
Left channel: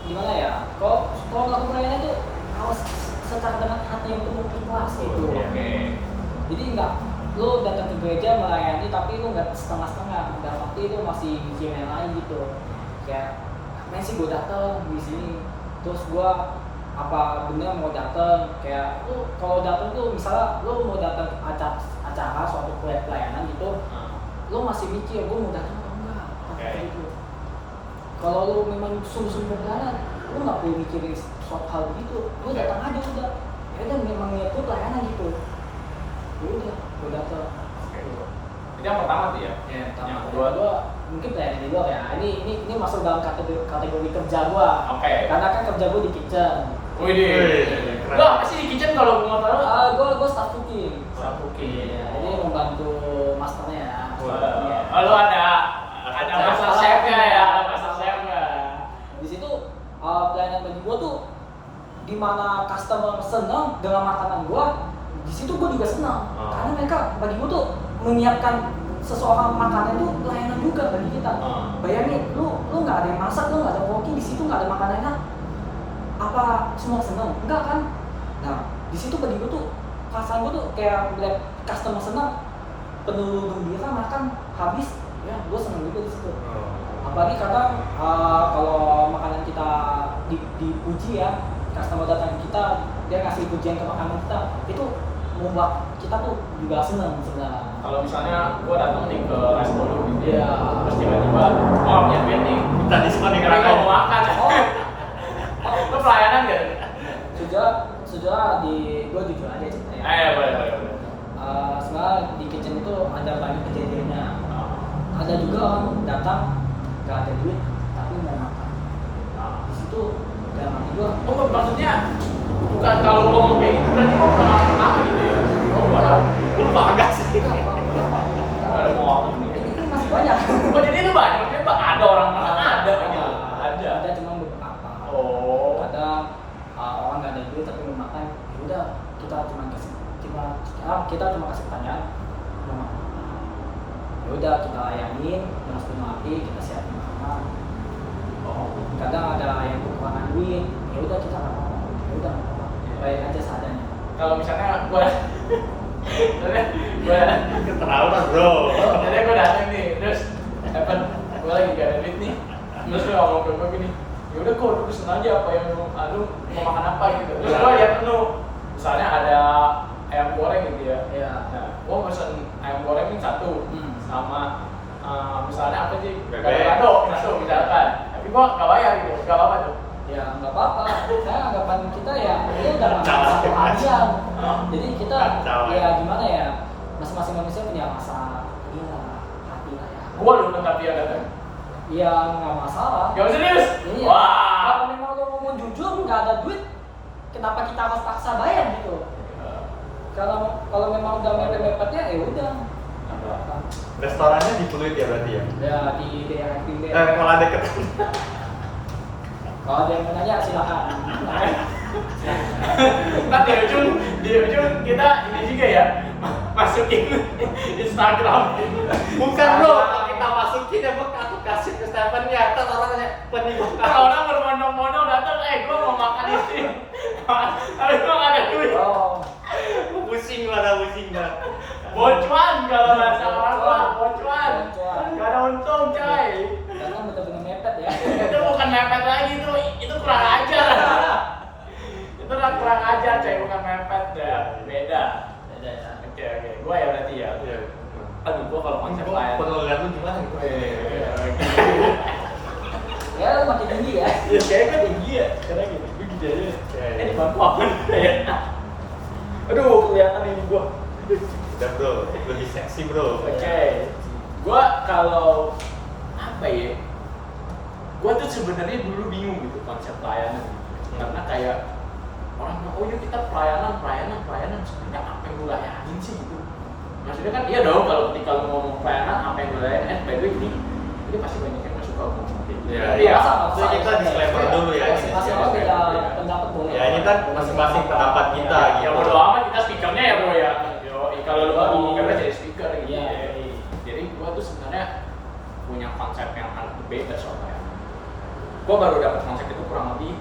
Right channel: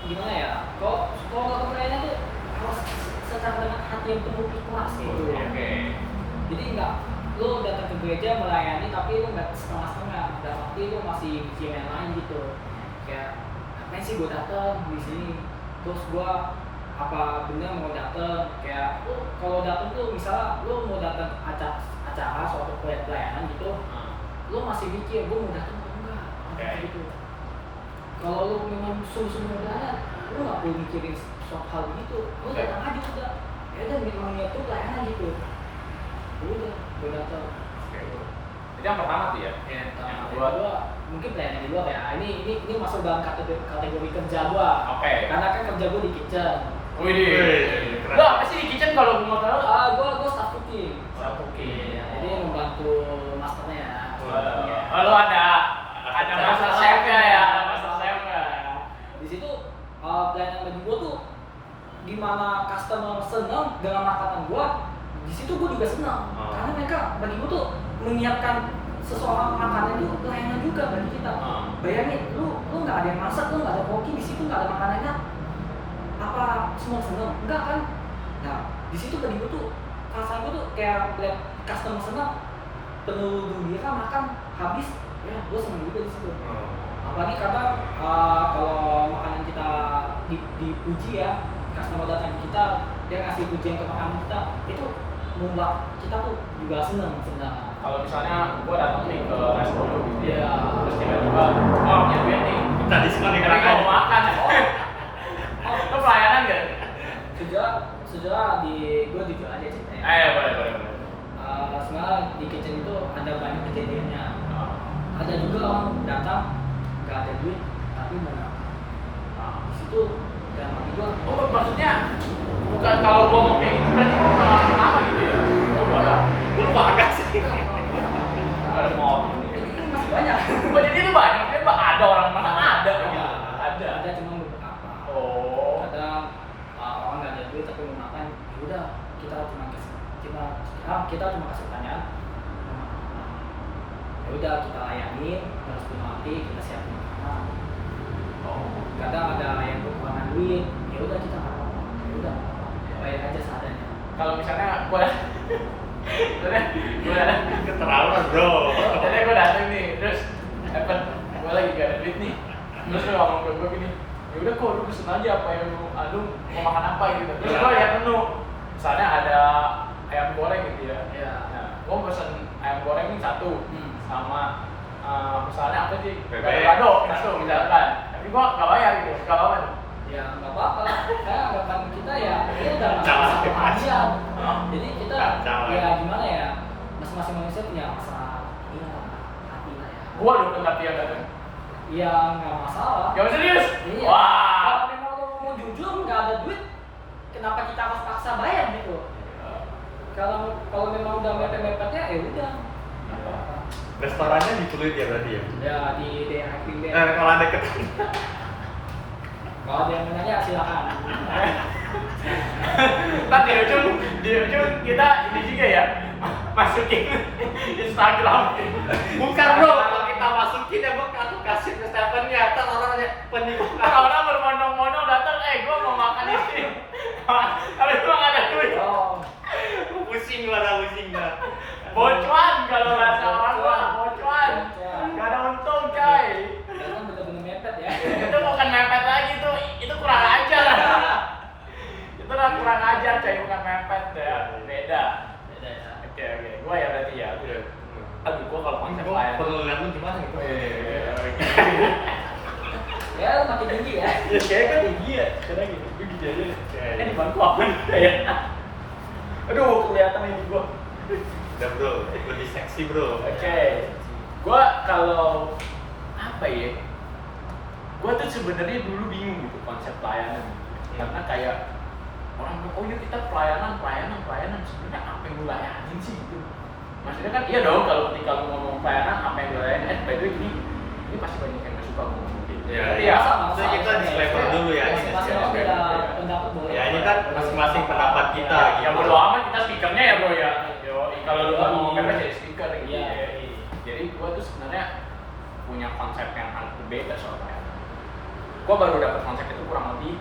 gimana ya? Kalau melakukan pelayanan itu harus secara dengan hati yang penuh ikhlas gitu. Oke. Jadi enggak lu datang ke gereja melayani tapi lu nggak setengah-setengah dan waktu itu masih bikin yang lain gitu kayak ngapain sih gue datang di sini terus gue apa bener mau datang kayak lu kalau datang tuh misalnya lu mau datang acara suatu pelayanan gitu lu masih mikir gue mau datang atau enggak gitu kalau lu memang sungguh-sungguh pelayanan, lu nggak perlu mikirin suatu hal begitu, lu Oke. datang aja udah. Ya kan memang itu pelayanan gitu. Udah, gue datang. Oke. Jadi yang pertama tuh ya. Ya, Yang kedua kedua. mungkin pelayanan di luar ya. Ini masuk dalam kategori kerja gua. Oke. Karena kan kerja gua di kitchen. Wih, keren. lo apa sih di kitchen kalau mau tahu? Gua staff cooking. Staff cooking. Iya, jadi membantu masternya. Lo ada master chefnya ya, master chefnya. Di situ pelayanan bagi gua tuh di mana customer senang dengan makanan gua, di situ gua juga senang. Karena mereka bagi gua tuh menyiapkan seseorang makanan itu pelayanan juga bagi kita. Bayangin, lu nggak ada yang masak, lu nggak ada cooking, di situ nggak ada makanannya, apa semua seneng? Enggak kan? Nah, di situ bagi gue tuh perasaan gue tuh kayak melihat customer senang, penuh gembira makan habis, ya gue seneng juga di situ. Apalagi kadang kalau makanan kita dipuji ya, customer datang ke kita, dia ngasih pujian ke makanan kita, itu membuat kita tuh juga seneng sebenarnya. Kalau misalnya gue datang nih ke resto lu gitu Iya. terus tiba-tiba punya duit nih, Minta diskon nih tapi gue mau makan. Lo pelayanan gak? Sejauh di gue jujur aja ceritanya. Boleh. Sebenarnya di kitchen itu ada banyak kejadiannya. Ada juga orang datang gak ada duit tapi mau makan. Di situ dalam hati gue, Oh, maksudnya bukan kalau gue mau kayak gitu berarti gue bukan orang pertama gitu ya? Oh, gue lupa agak sih. Gak ada motor nih. ini kan masih banyak. Oh, jadi itu banyak, maksudnya ada orang mana ada gitu? Ada cuma beberapa. Oh. Kadang orang nggak ada duit tapi mau makan, ya udah kita cuma kasih pertanyaan mau makan apa. Ya udah kita layanin dengan sepenuh hati, kita siapin makanan. Kadang ada yang kekurangan duit, ya udah kita nggak apa-apa, ya udah nggak apa-apa, bayar aja seadanya. Kalau misalnya gue Keterlaluan bro. jadi gue datang nih, terus gue lagi gak ada duit nih, terus lu ngomong ke gue gini, ya udah kok lu pesen aja apa yang lu mau makan apa gitu. Terus gue lihat menu, misalnya ada ayam goreng gitu ya. Ya. Nah, gue pesen ayam goreng nih satu, sama misalnya apa sih, Bebek. gado satu misalkan, tapi gue gak bayar gitu, gak apa-apa tuh. Ya nggak apa-apa, saya anggapan kita ya ini udah Kacau masa lagi, aja. Oh. Jadi kita Kacau lagi. ya gimana ya, masing-masing manusia punya rasa ya hati lah ya. Gue dulu tempat dia datang. Ya nggak masalah. Jauh serius? Iya. Wah. Kalau memang lo ngomong jujur nggak ada duit, kenapa kita harus paksa bayar gitu? Kalau memang udah mepet-mepetnya ya udah. Nggak apa-apa. Restorannya di Pluit ya berarti ya? Ya di daerah Tinder. Kalau ada deket. Kalau ada yang menanya silakan. Ntar di ujung kita ini juga ya masukin Instagram. Bukan bro, kalau kita masukin ya aku kasih ke Stephen-nya. Ntar orang nanya penipu. Ntar orang berbondong-bondong datang, gue mau makan ini. Tapi gue gak ada duit. Oh. Pusing lah. Bocuan kalau bahasa orang gua, bocuan. Gak ada untung coy. Karena bener-bener mepet ya. Itu bukan mepet lagi tuh, itu kurang ajar. Itu kurang ajar coy, bukan mepet ya. Beda. Beda ya. Oke, gua ya berarti ya. Aduh, gua kalau konsep lain. Perlu lihat lu gimana gitu. Ya lu makin tinggi ya. Ya kayaknya gua tinggi ya, sekarang gitu. Gua gini aja. Di bangku apa nih ya? Aduh, kelihatan ini gua. Udah bro, lebih seksi bro. Oke. Gua kalau apa ya? Gua tuh sebenarnya dulu bingung gitu konsep pelayanan gitu. Karena kayak orang bilang, oh iya kita pelayanan. Sebenarnya apa yang lu layanin sih gitu? Maksudnya kan iya dong kalau ketika lu ngomong pelayanan apa yang lu layanin. By the way ini pasti banyak yang gak suka ngomong gitu. Iya. Iya. Jadi kita disclaimer dulu ya. Masing-masing orang beda pendapat boleh. Ya ini kan masing-masing pendapat kita Ya gitu. bodo amat kita speakernya ya bro ya. Yo, kalau lu ngomong apa jadi speaker gitu Iya. ya. Jadi gua tuh sebenarnya punya konsep yang agak berbeda soal pelayanan. Gua baru dapat konsep itu kurang lebih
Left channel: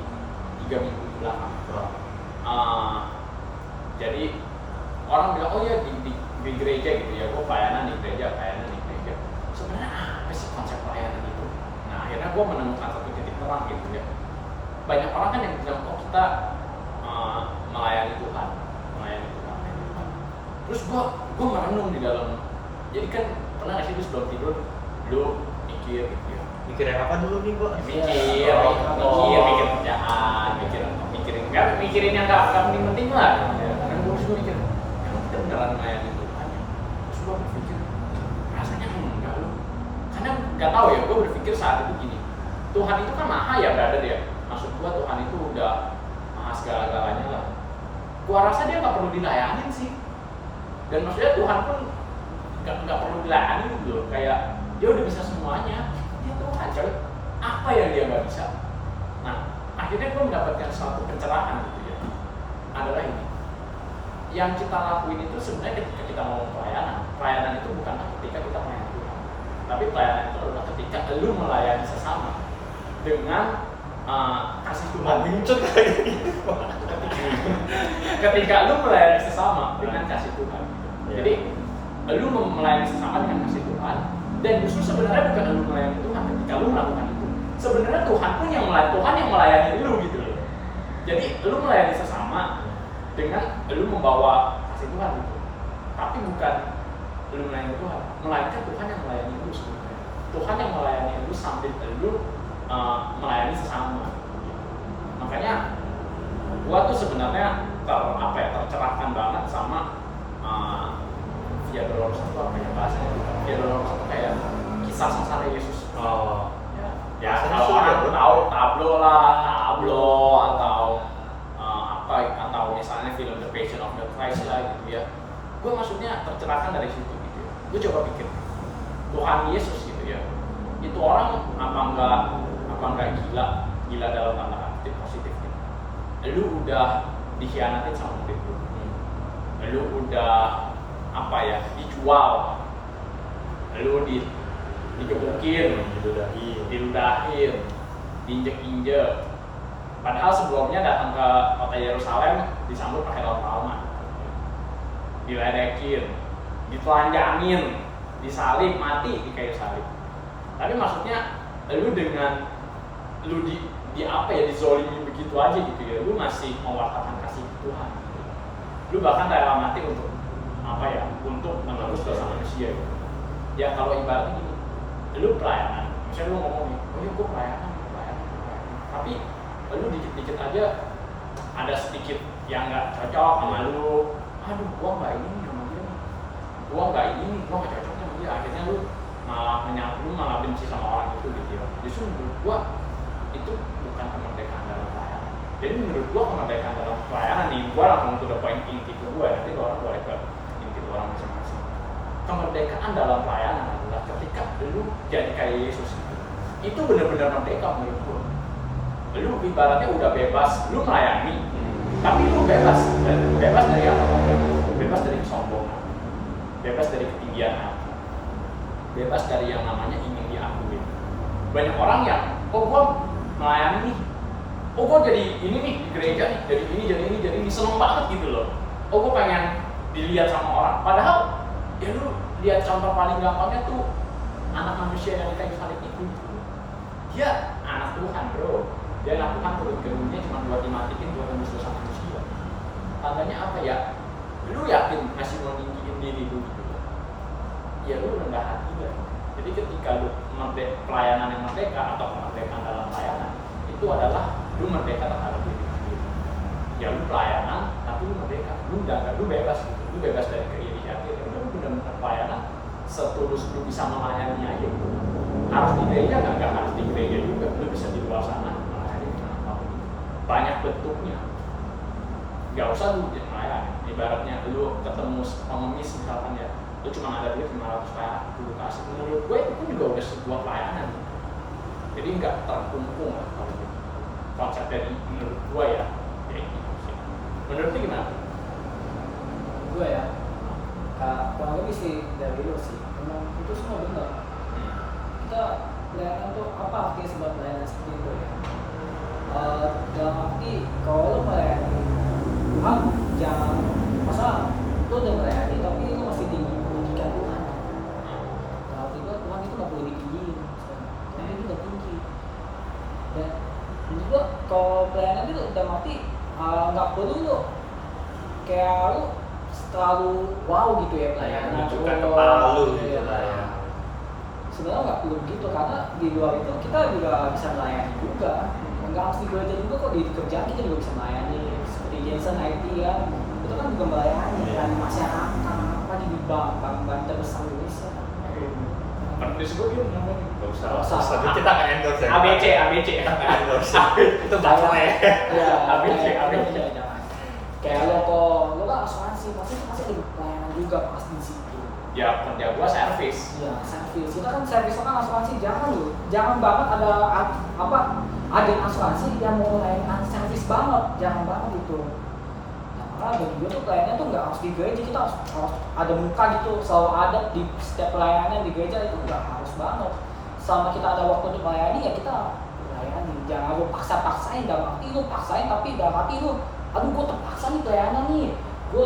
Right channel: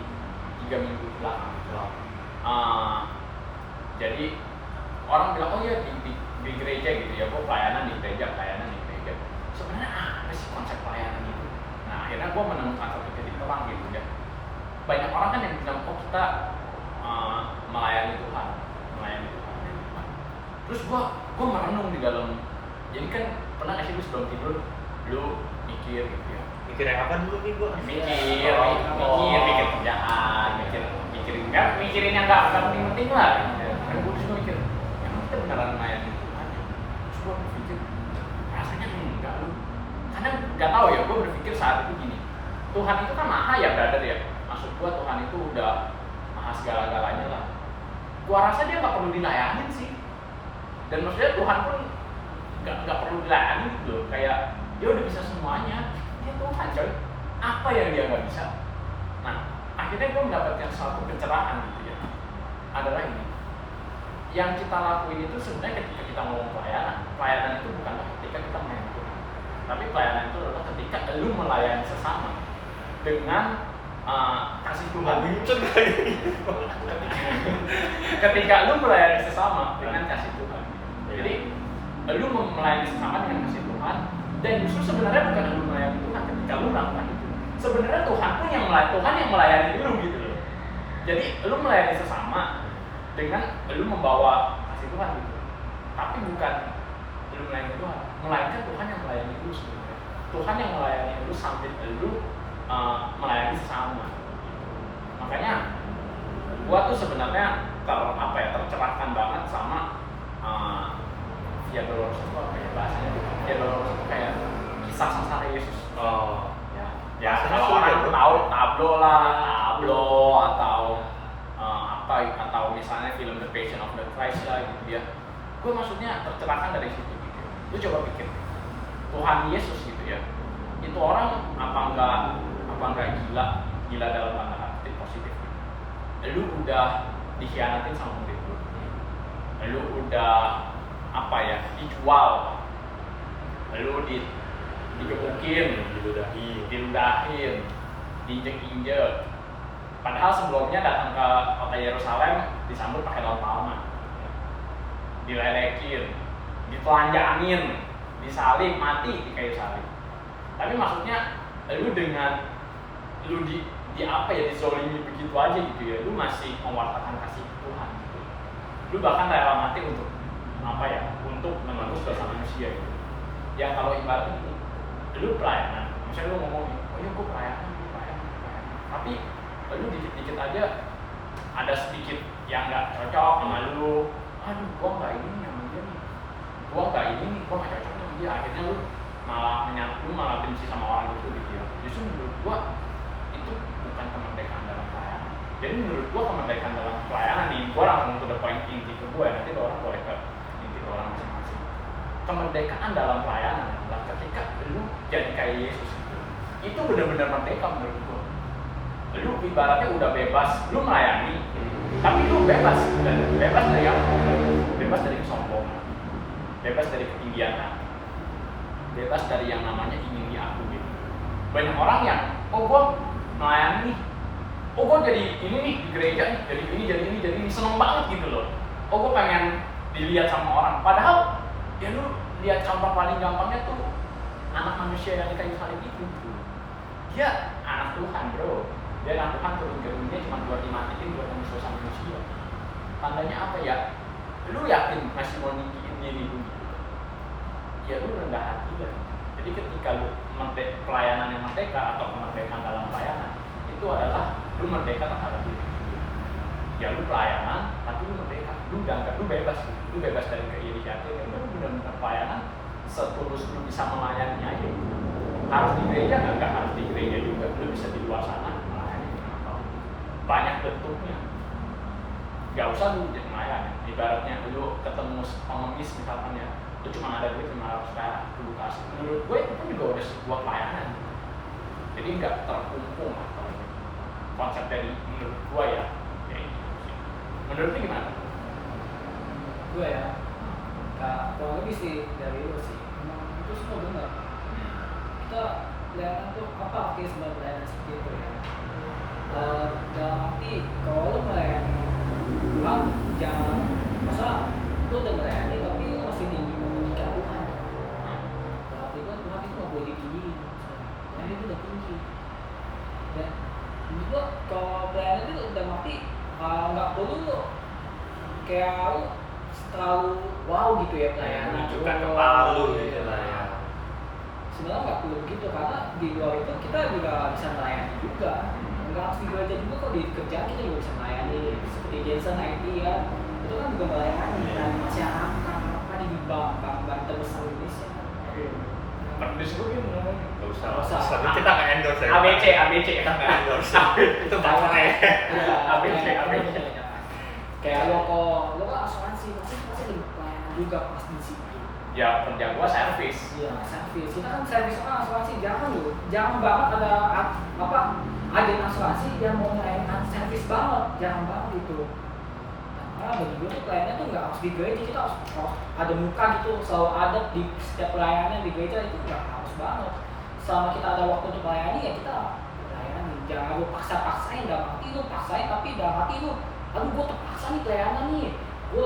3 minggu belakang. Jadi orang bilang oh iya di gereja gitu ya, gua pelayanan di gereja. Sebenarnya apa sih konsep pelayanan itu? Nah akhirnya gua menemukan satu titik terang gitu ya. Banyak orang kan yang bilang oh kita melayani Tuhan. Terus gua merenung di dalam. Jadi kan pernah nggak sih lu sebelum tidur lu mikir gitu ya. Mikir yang apa dulu nih gua? Mikir kerjaan, mikirin yang nggak penting lah. Karena gue juga mikir, emang kita beneran melayani Tuhan ya? Terus gue berpikir, rasanya enggak lu. Karena nggak tahu ya, gue berpikir saat itu gini, Tuhan itu kan maha ya brother ya. Maksud gue Tuhan itu udah maha segala-galanya lah. Gua rasa dia nggak perlu dilayanin sih. Dan maksudnya Tuhan pun nggak perlu dilayani gitu loh. Kayak dia udah bisa semuanya. Dia Tuhan coy. Apa yang dia nggak bisa? Nah, akhirnya gue mendapatkan suatu pencerahan gitu ya. Adalah ini. Yang kita lakuin itu sebenarnya ketika kita ngomong pelayanan itu bukanlah ketika kita melayani Tuhan. Tapi pelayanan itu adalah ketika lu melayani sesama dengan kasih Tuhan. Ketika lu melayani sesama dengan kasih Tuhan. Jadi lu melayani sesama dengan kasih Tuhan, dan justru sebenarnya bukan lu melayani Tuhan ketika lu melakukan itu. Sebenarnya Tuhan yang melayani lu gitu loh. Jadi lu melayani sesama dengan lu membawa kasih Tuhan gitu. Tapi bukan lu melayani Tuhan, melainkan Tuhan yang melayani lu sebenarnya. Tuhan yang melayani lu sambil lu melayani sesama gitu. Makanya gua tuh sebenarnya tercerahkan banget sama Via Dolorosa itu apa ya bahasanya tuh. Via Dolorosa itu kayak kisah sengsara Yesus. Ya kalau orang tahu tablo atau atau misalnya film The Passion of the Christ lah gitu ya. Gue maksudnya tercerahkan dari situ gitu ya. Lu coba pikir Tuhan Yesus gitu ya. Itu orang apa enggak gila dalam tanda kutip positifnya. Lu udah dikhianatin sama itu. Lu udah dijual. Lu digebukin, diludahin, diinjek-injek. Padahal sebelumnya datang ke kota Yerusalem disambut pakai daun palma, diledekin, ditelanjangin, disalib, mati di kayu salib. Tapi maksudnya lu dizolimi begitu aja gitu ya, lu masih mewartakan kasih Tuhan gitu. Lu bahkan rela mati untuk untuk menebus dosa manusia gitu. Ya kalau ibaratnya gini, lu pelayanan, misalnya lu ngomong nih, oh iya gue pelayanan. Tapi lu dikit-dikit aja ada sedikit yang nggak cocok sama lu, aduh gua nggak ini nih sama dia nih, gua nggak cocok sama dia, akhirnya lu malah benci sama orang itu gitu ya. Justru menurut gua itu bukan kemerdekaan dalam pelayanan. Jadi menurut gua kemerdekaan dalam pelayanan nih, gua langsung to the point inti ke gua, nanti orang boleh ke inti orang masing-masing. Kemerdekaan dalam pelayanan adalah ketika lu jadi kayak Yesus gitu. Itu benar-benar merdeka menurut gua. Lu ibaratnya udah bebas, lu melayani, tapi lu bebas dari apa? Bebas dari kesombongan, bebas dari ketinggian hati, bebas dari yang namanya ingin diakui. Banyak orang yang, gua melayani nih, gua jadi ini nih di gereja nih, jadi ini, seneng banget gitu loh. Gua pengen dilihat sama orang. Padahal ya lu lihat contoh paling gampangnya tuh anak manusia yang di kayu salib itu. Dia anak Tuhan bro. Dia anak Tuhan turun ke dunia cuma buat dimatikan buat menembus dosa manusia. Tandanya apa ya? Lu yakin masih mau ninggiin diri lu gitu loh? Ya lu rendah hati lah. Jadi ketika lu pelayanan yang merdeka atau kemerdekaan dalam pelayanan itu adalah lu merdeka terhadap diri sendiri. Ya lu pelayanan tapi lu merdeka. Lu bebas gitu. Lu bebas dari keirian. Lu benar-benar pelayanan setulus lu bisa melayani aja gitu. Harus di gereja nggak harus di gereja juga. Lu bisa di luar sana. Banyak bentuknya, gak usah lu melayani. Ibaratnya lu ketemu pengemis misalkan ya, lu cuma ada duit 500 perak dulu kasih. Menurut gue itu juga udah sebuah pelayanan gitu. Jadi nggak terkumpul lah kalau begitu. Konsep dari menurut gue ya kayak gitu sih. Menurut lu gimana? Gue ya, kurang lebih sih dari lu sih. Memang itu semua benar. Kita pelayanan tuh apa artinya sebuah pelayanan seperti itu ya? Dalam arti kalau lu melayani Tuhan jangan masa lu udah melayani tapi lu masih meninggikan Tuhan. Dalam arti gua Tuhan itu nggak boleh ditinggiin, Tuhan itu udah tinggi. Dan menurut gua kalau pelayanan itu dalam arti nggak perlu lu kayak lu terlalu wow gitu ya pelayanan. Menunjukkan kepala lu gitu lah ya. sebenarnya nggak perlu begitu, karena di luar itu kita juga bisa melayani juga, nggak harus di gereja juga kok, di kerjaan kita juga bisa melayani seperti Jason IT ya, itu kan juga melayani melayani masyarakat, apa di bank terbesar Indonesia. Penulis gue gitu ngomongin. Nggak usah. Nggak usah. Tapi kita nggak endorse ya. ABC. Kita nggak endorse. Itu baterai. Ya, ABC. jangan. Kayak lo kan asuransi, pasti ada pelayanan juga pas di situ. Ya kerja gua servis. Iya, servis. Kita kan servis kan asuransi, jangan banget ada agen asuransi yang mau melayani servis banget, jangan banget itu. Nah, bagi gue tuh pelayanan tuh nggak harus di gereja, kita harus ada muka gitu, selalu ada di setiap pelayanan di gereja, itu nggak harus banget. Selama kita ada waktu untuk melayani ya kita melayani, jangan lu paksain, dalam hati lu paksain tapi dalam hati lu, aduh gue terpaksa nih pelayanan nih, gue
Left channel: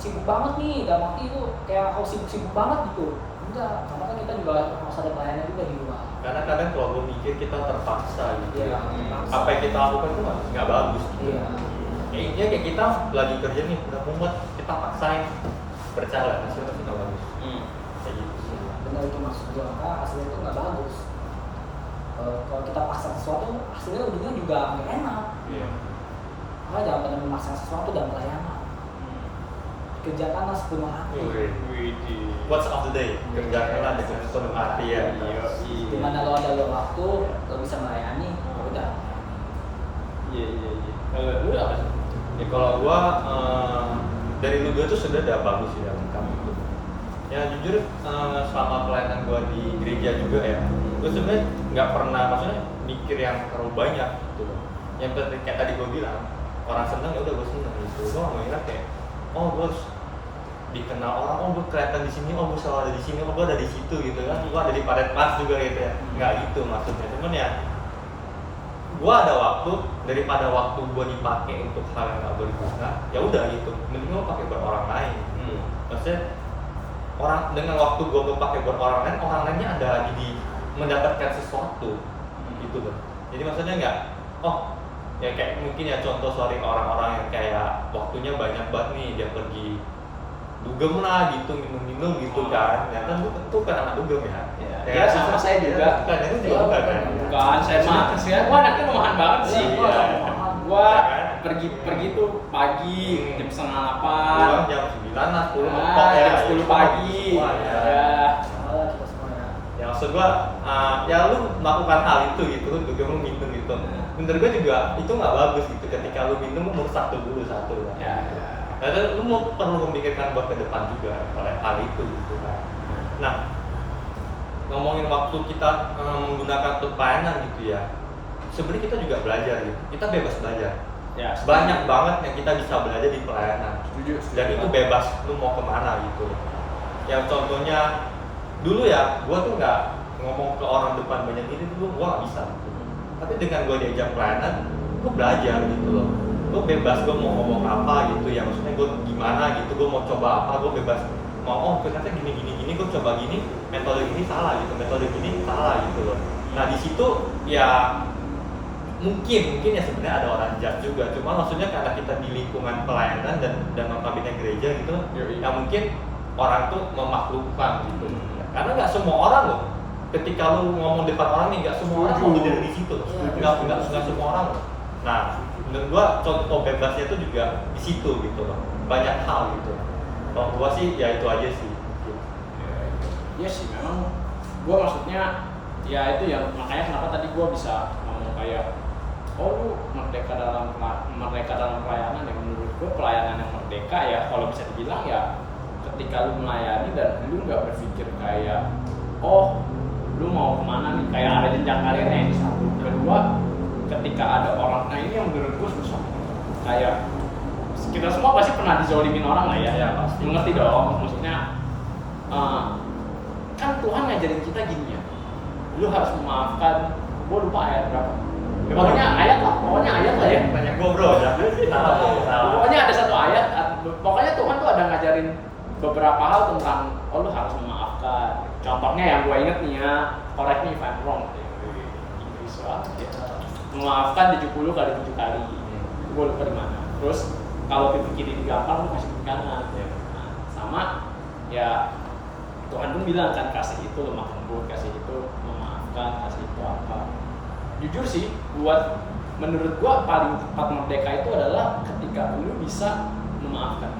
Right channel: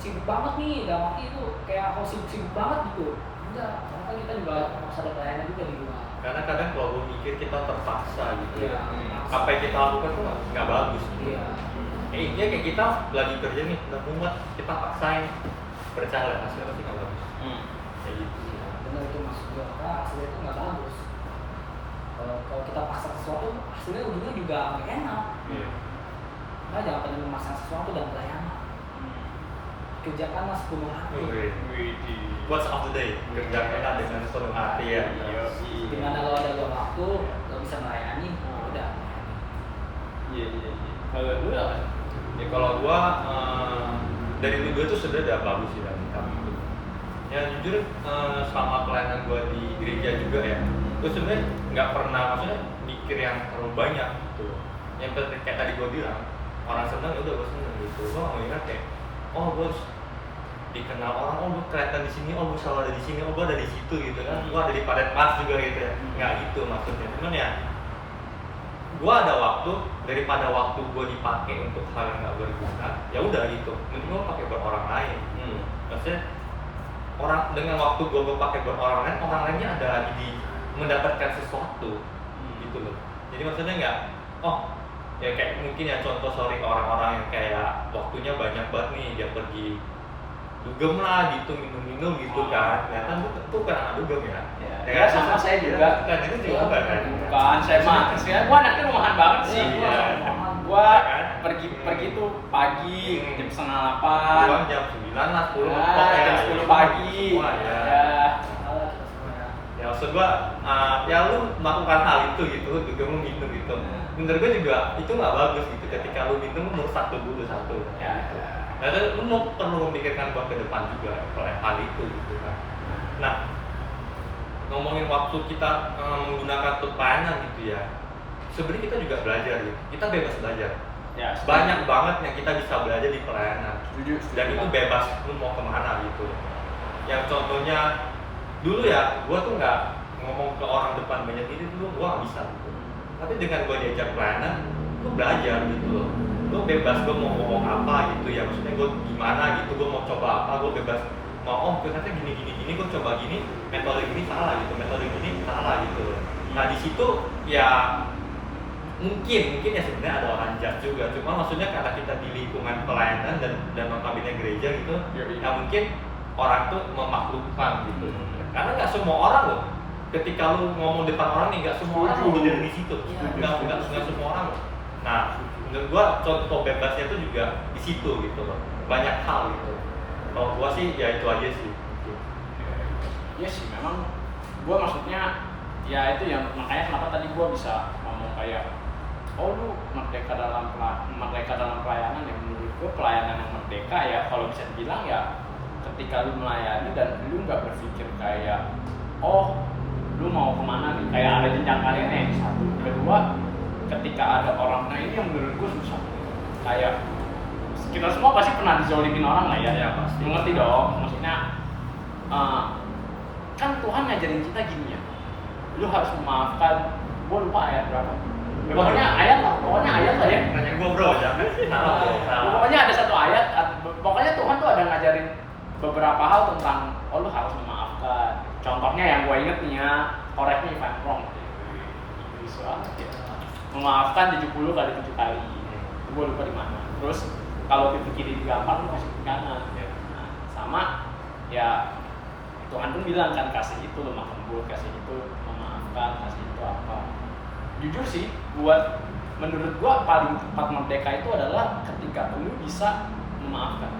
sibuk banget nih, dalam hati lu kayak harus sibuk banget gitu. Enggak, karena kan kita juga harus ada pelayanan juga di rumah. Karena kadang kalau gue mikir kita terpaksa gitu Iya, ya. terpaksa. Apa yang kita lakukan tuh nggak bagus gitu. Iya. Kayak kita lagi kerja nih, udah mumet, kita paksain, percaya hasilnya tapi nggak bagus. Kayak gitu. Iya, benar itu maksud gue, karena hasilnya itu nggak bagus. Kalau kita paksa sesuatu, hasilnya ujungnya juga nggak enak. Iya. Makanya jangan pernah memaksa sesuatu dalam pelayanan. Kerjakanlah sepenuh hati. Widih. Quotes of the day, kerjakanlah dengan sepenuh hati ya. Dimana lo ada luang waktu, lo bisa melayani, ya udah. Iya. Lu apa sih? Ya kalau gua dari lu dua tuh sudah udah bagus sih dalam kamu itu. Ya jujur selama pelayanan gua di gereja juga ya, gua sebenarnya nggak pernah maksudnya mikir yang terlalu banyak gitu loh. Yang kayak tadi gua bilang, orang seneng ya udah gua seneng gitu. Gua nggak mengira kayak, oh gua harus dikenal orang, oh gua kelihatan di sini, oh gua selalu ada di sini, oh gua ada di situ gitu kan. Gua ada di Padat Mas juga gitu ya. Nggak gitu maksudnya. Cuman ya gua ada waktu, daripada waktu gua dipakai untuk hal yang nggak berguna, ya udah gitu, mending gua pakai buat orang lain gitu. Maksudnya dengan waktu gua pakai buat orang lainnya ada lagi di mendapatkan sesuatu gitu loh. Jadi maksudnya nggak, oh ya kayak mungkin ya contoh orang-orang yang kayak waktunya banyak banget nih, dia pergi dugem lah gitu, minum gitu kan. Ya kan itu kan anak dugem ya. Ya sama saya juga. Kan itu juga bukan kan. Bukan, gua anaknya rumahan banget sih. Gua kan? pergi tuh pagi jam 7:30. Pulang jam 9 lah, 10 mentok ya. Jam 10 pagi. Semua, ya. Kalau kita semua ya. Ya maksud gua, ya lu melakukan hal itu gitu, lu juga lu minum gitu. Menurut gua juga itu nggak bagus gitu. Ketika lu minum, lu merusak tubuh lu satu kan. Ya. Nah, lu mau perlu memikirkan buat ke depan juga oleh hal itu gitu kan. Nah, ngomongin waktu kita menggunakan untuk pelayanan gitu ya, sebenarnya kita juga belajar gitu. Kita bebas belajar. Ya, Banyak banget yang kita bisa belajar di pelayanan. Setuju. Dan itu bebas, lu mau kemana gitu. Yang contohnya dulu ya, gua tuh nggak ngomong ke orang depan banyak ini dulu, gua nggak bisa gitu. Tapi dengan gua diajak pelayanan, gua belajar gitu loh. Gua bebas, gua mau ngomong apa gitu ya, maksudnya gua gimana gitu, gua mau coba apa, gua bebas mau, oh ternyata gini, gua coba gini, metode ini salah gitu, metode gini salah gitu loh. Nah di situ ya mungkin ya sebenarnya ada orang jahat juga, cuma maksudnya karena kita di lingkungan pelayanan dan notabene gereja gitu, ya mungkin orang tuh memaklumkan gitu. Karena nggak semua orang loh, ketika lu ngomong depan orang nih, nggak semua orang mau berdiri di situ loh, nggak semua orang loh. Nah menurut gua contoh bebasnya itu juga di situ gitu loh, banyak hal gitu. Kalau gua sih ya itu aja sih mungkin. Iya sih, memang gua maksudnya ya itu yang makanya kenapa tadi gua bisa ngomong kayak, oh lu merdeka dalam pelayanan ya. Menurut gue pelayanan yang merdeka ya kalau bisa dibilang ya ketika lu melayani dan lu nggak berpikir kayak, oh lu mau kemana nih, kayak ada jenjang karirnya ini satu. Kedua, ketika ada orang, nah ini yang menurut gue susah gitu. Kayak kita semua pasti pernah dizolimin orang lah ya. Ya pasti. Mengerti dong, maksudnya kan Tuhan ngajarin kita gini ya, lu harus memaafkan. Gue lupa ayat berapa. Pokoknya ayat lah ya. Banyak gua bro, jangan salah bro. Pokoknya ada satu ayat, pokoknya Tuhan tuh ada ngajarin beberapa hal tentang, oh lu harus memaafkan. Contohnya yang gue inget nih ya, correct me if I'm wrong. Inggris banget ya. Memaafkan 70 kali 7 kali. Gue lupa di mana. Terus kalau pipi kiri digampar, lu kasih pipi kanan. Nah, sama ya Tuhan pun bilang kan kasih itu lemah lembut, kasih itu memaafkan, kasih itu apa. Jujur sih, menurut gua paling tepat merdeka itu adalah ketika lu bisa memaafkan.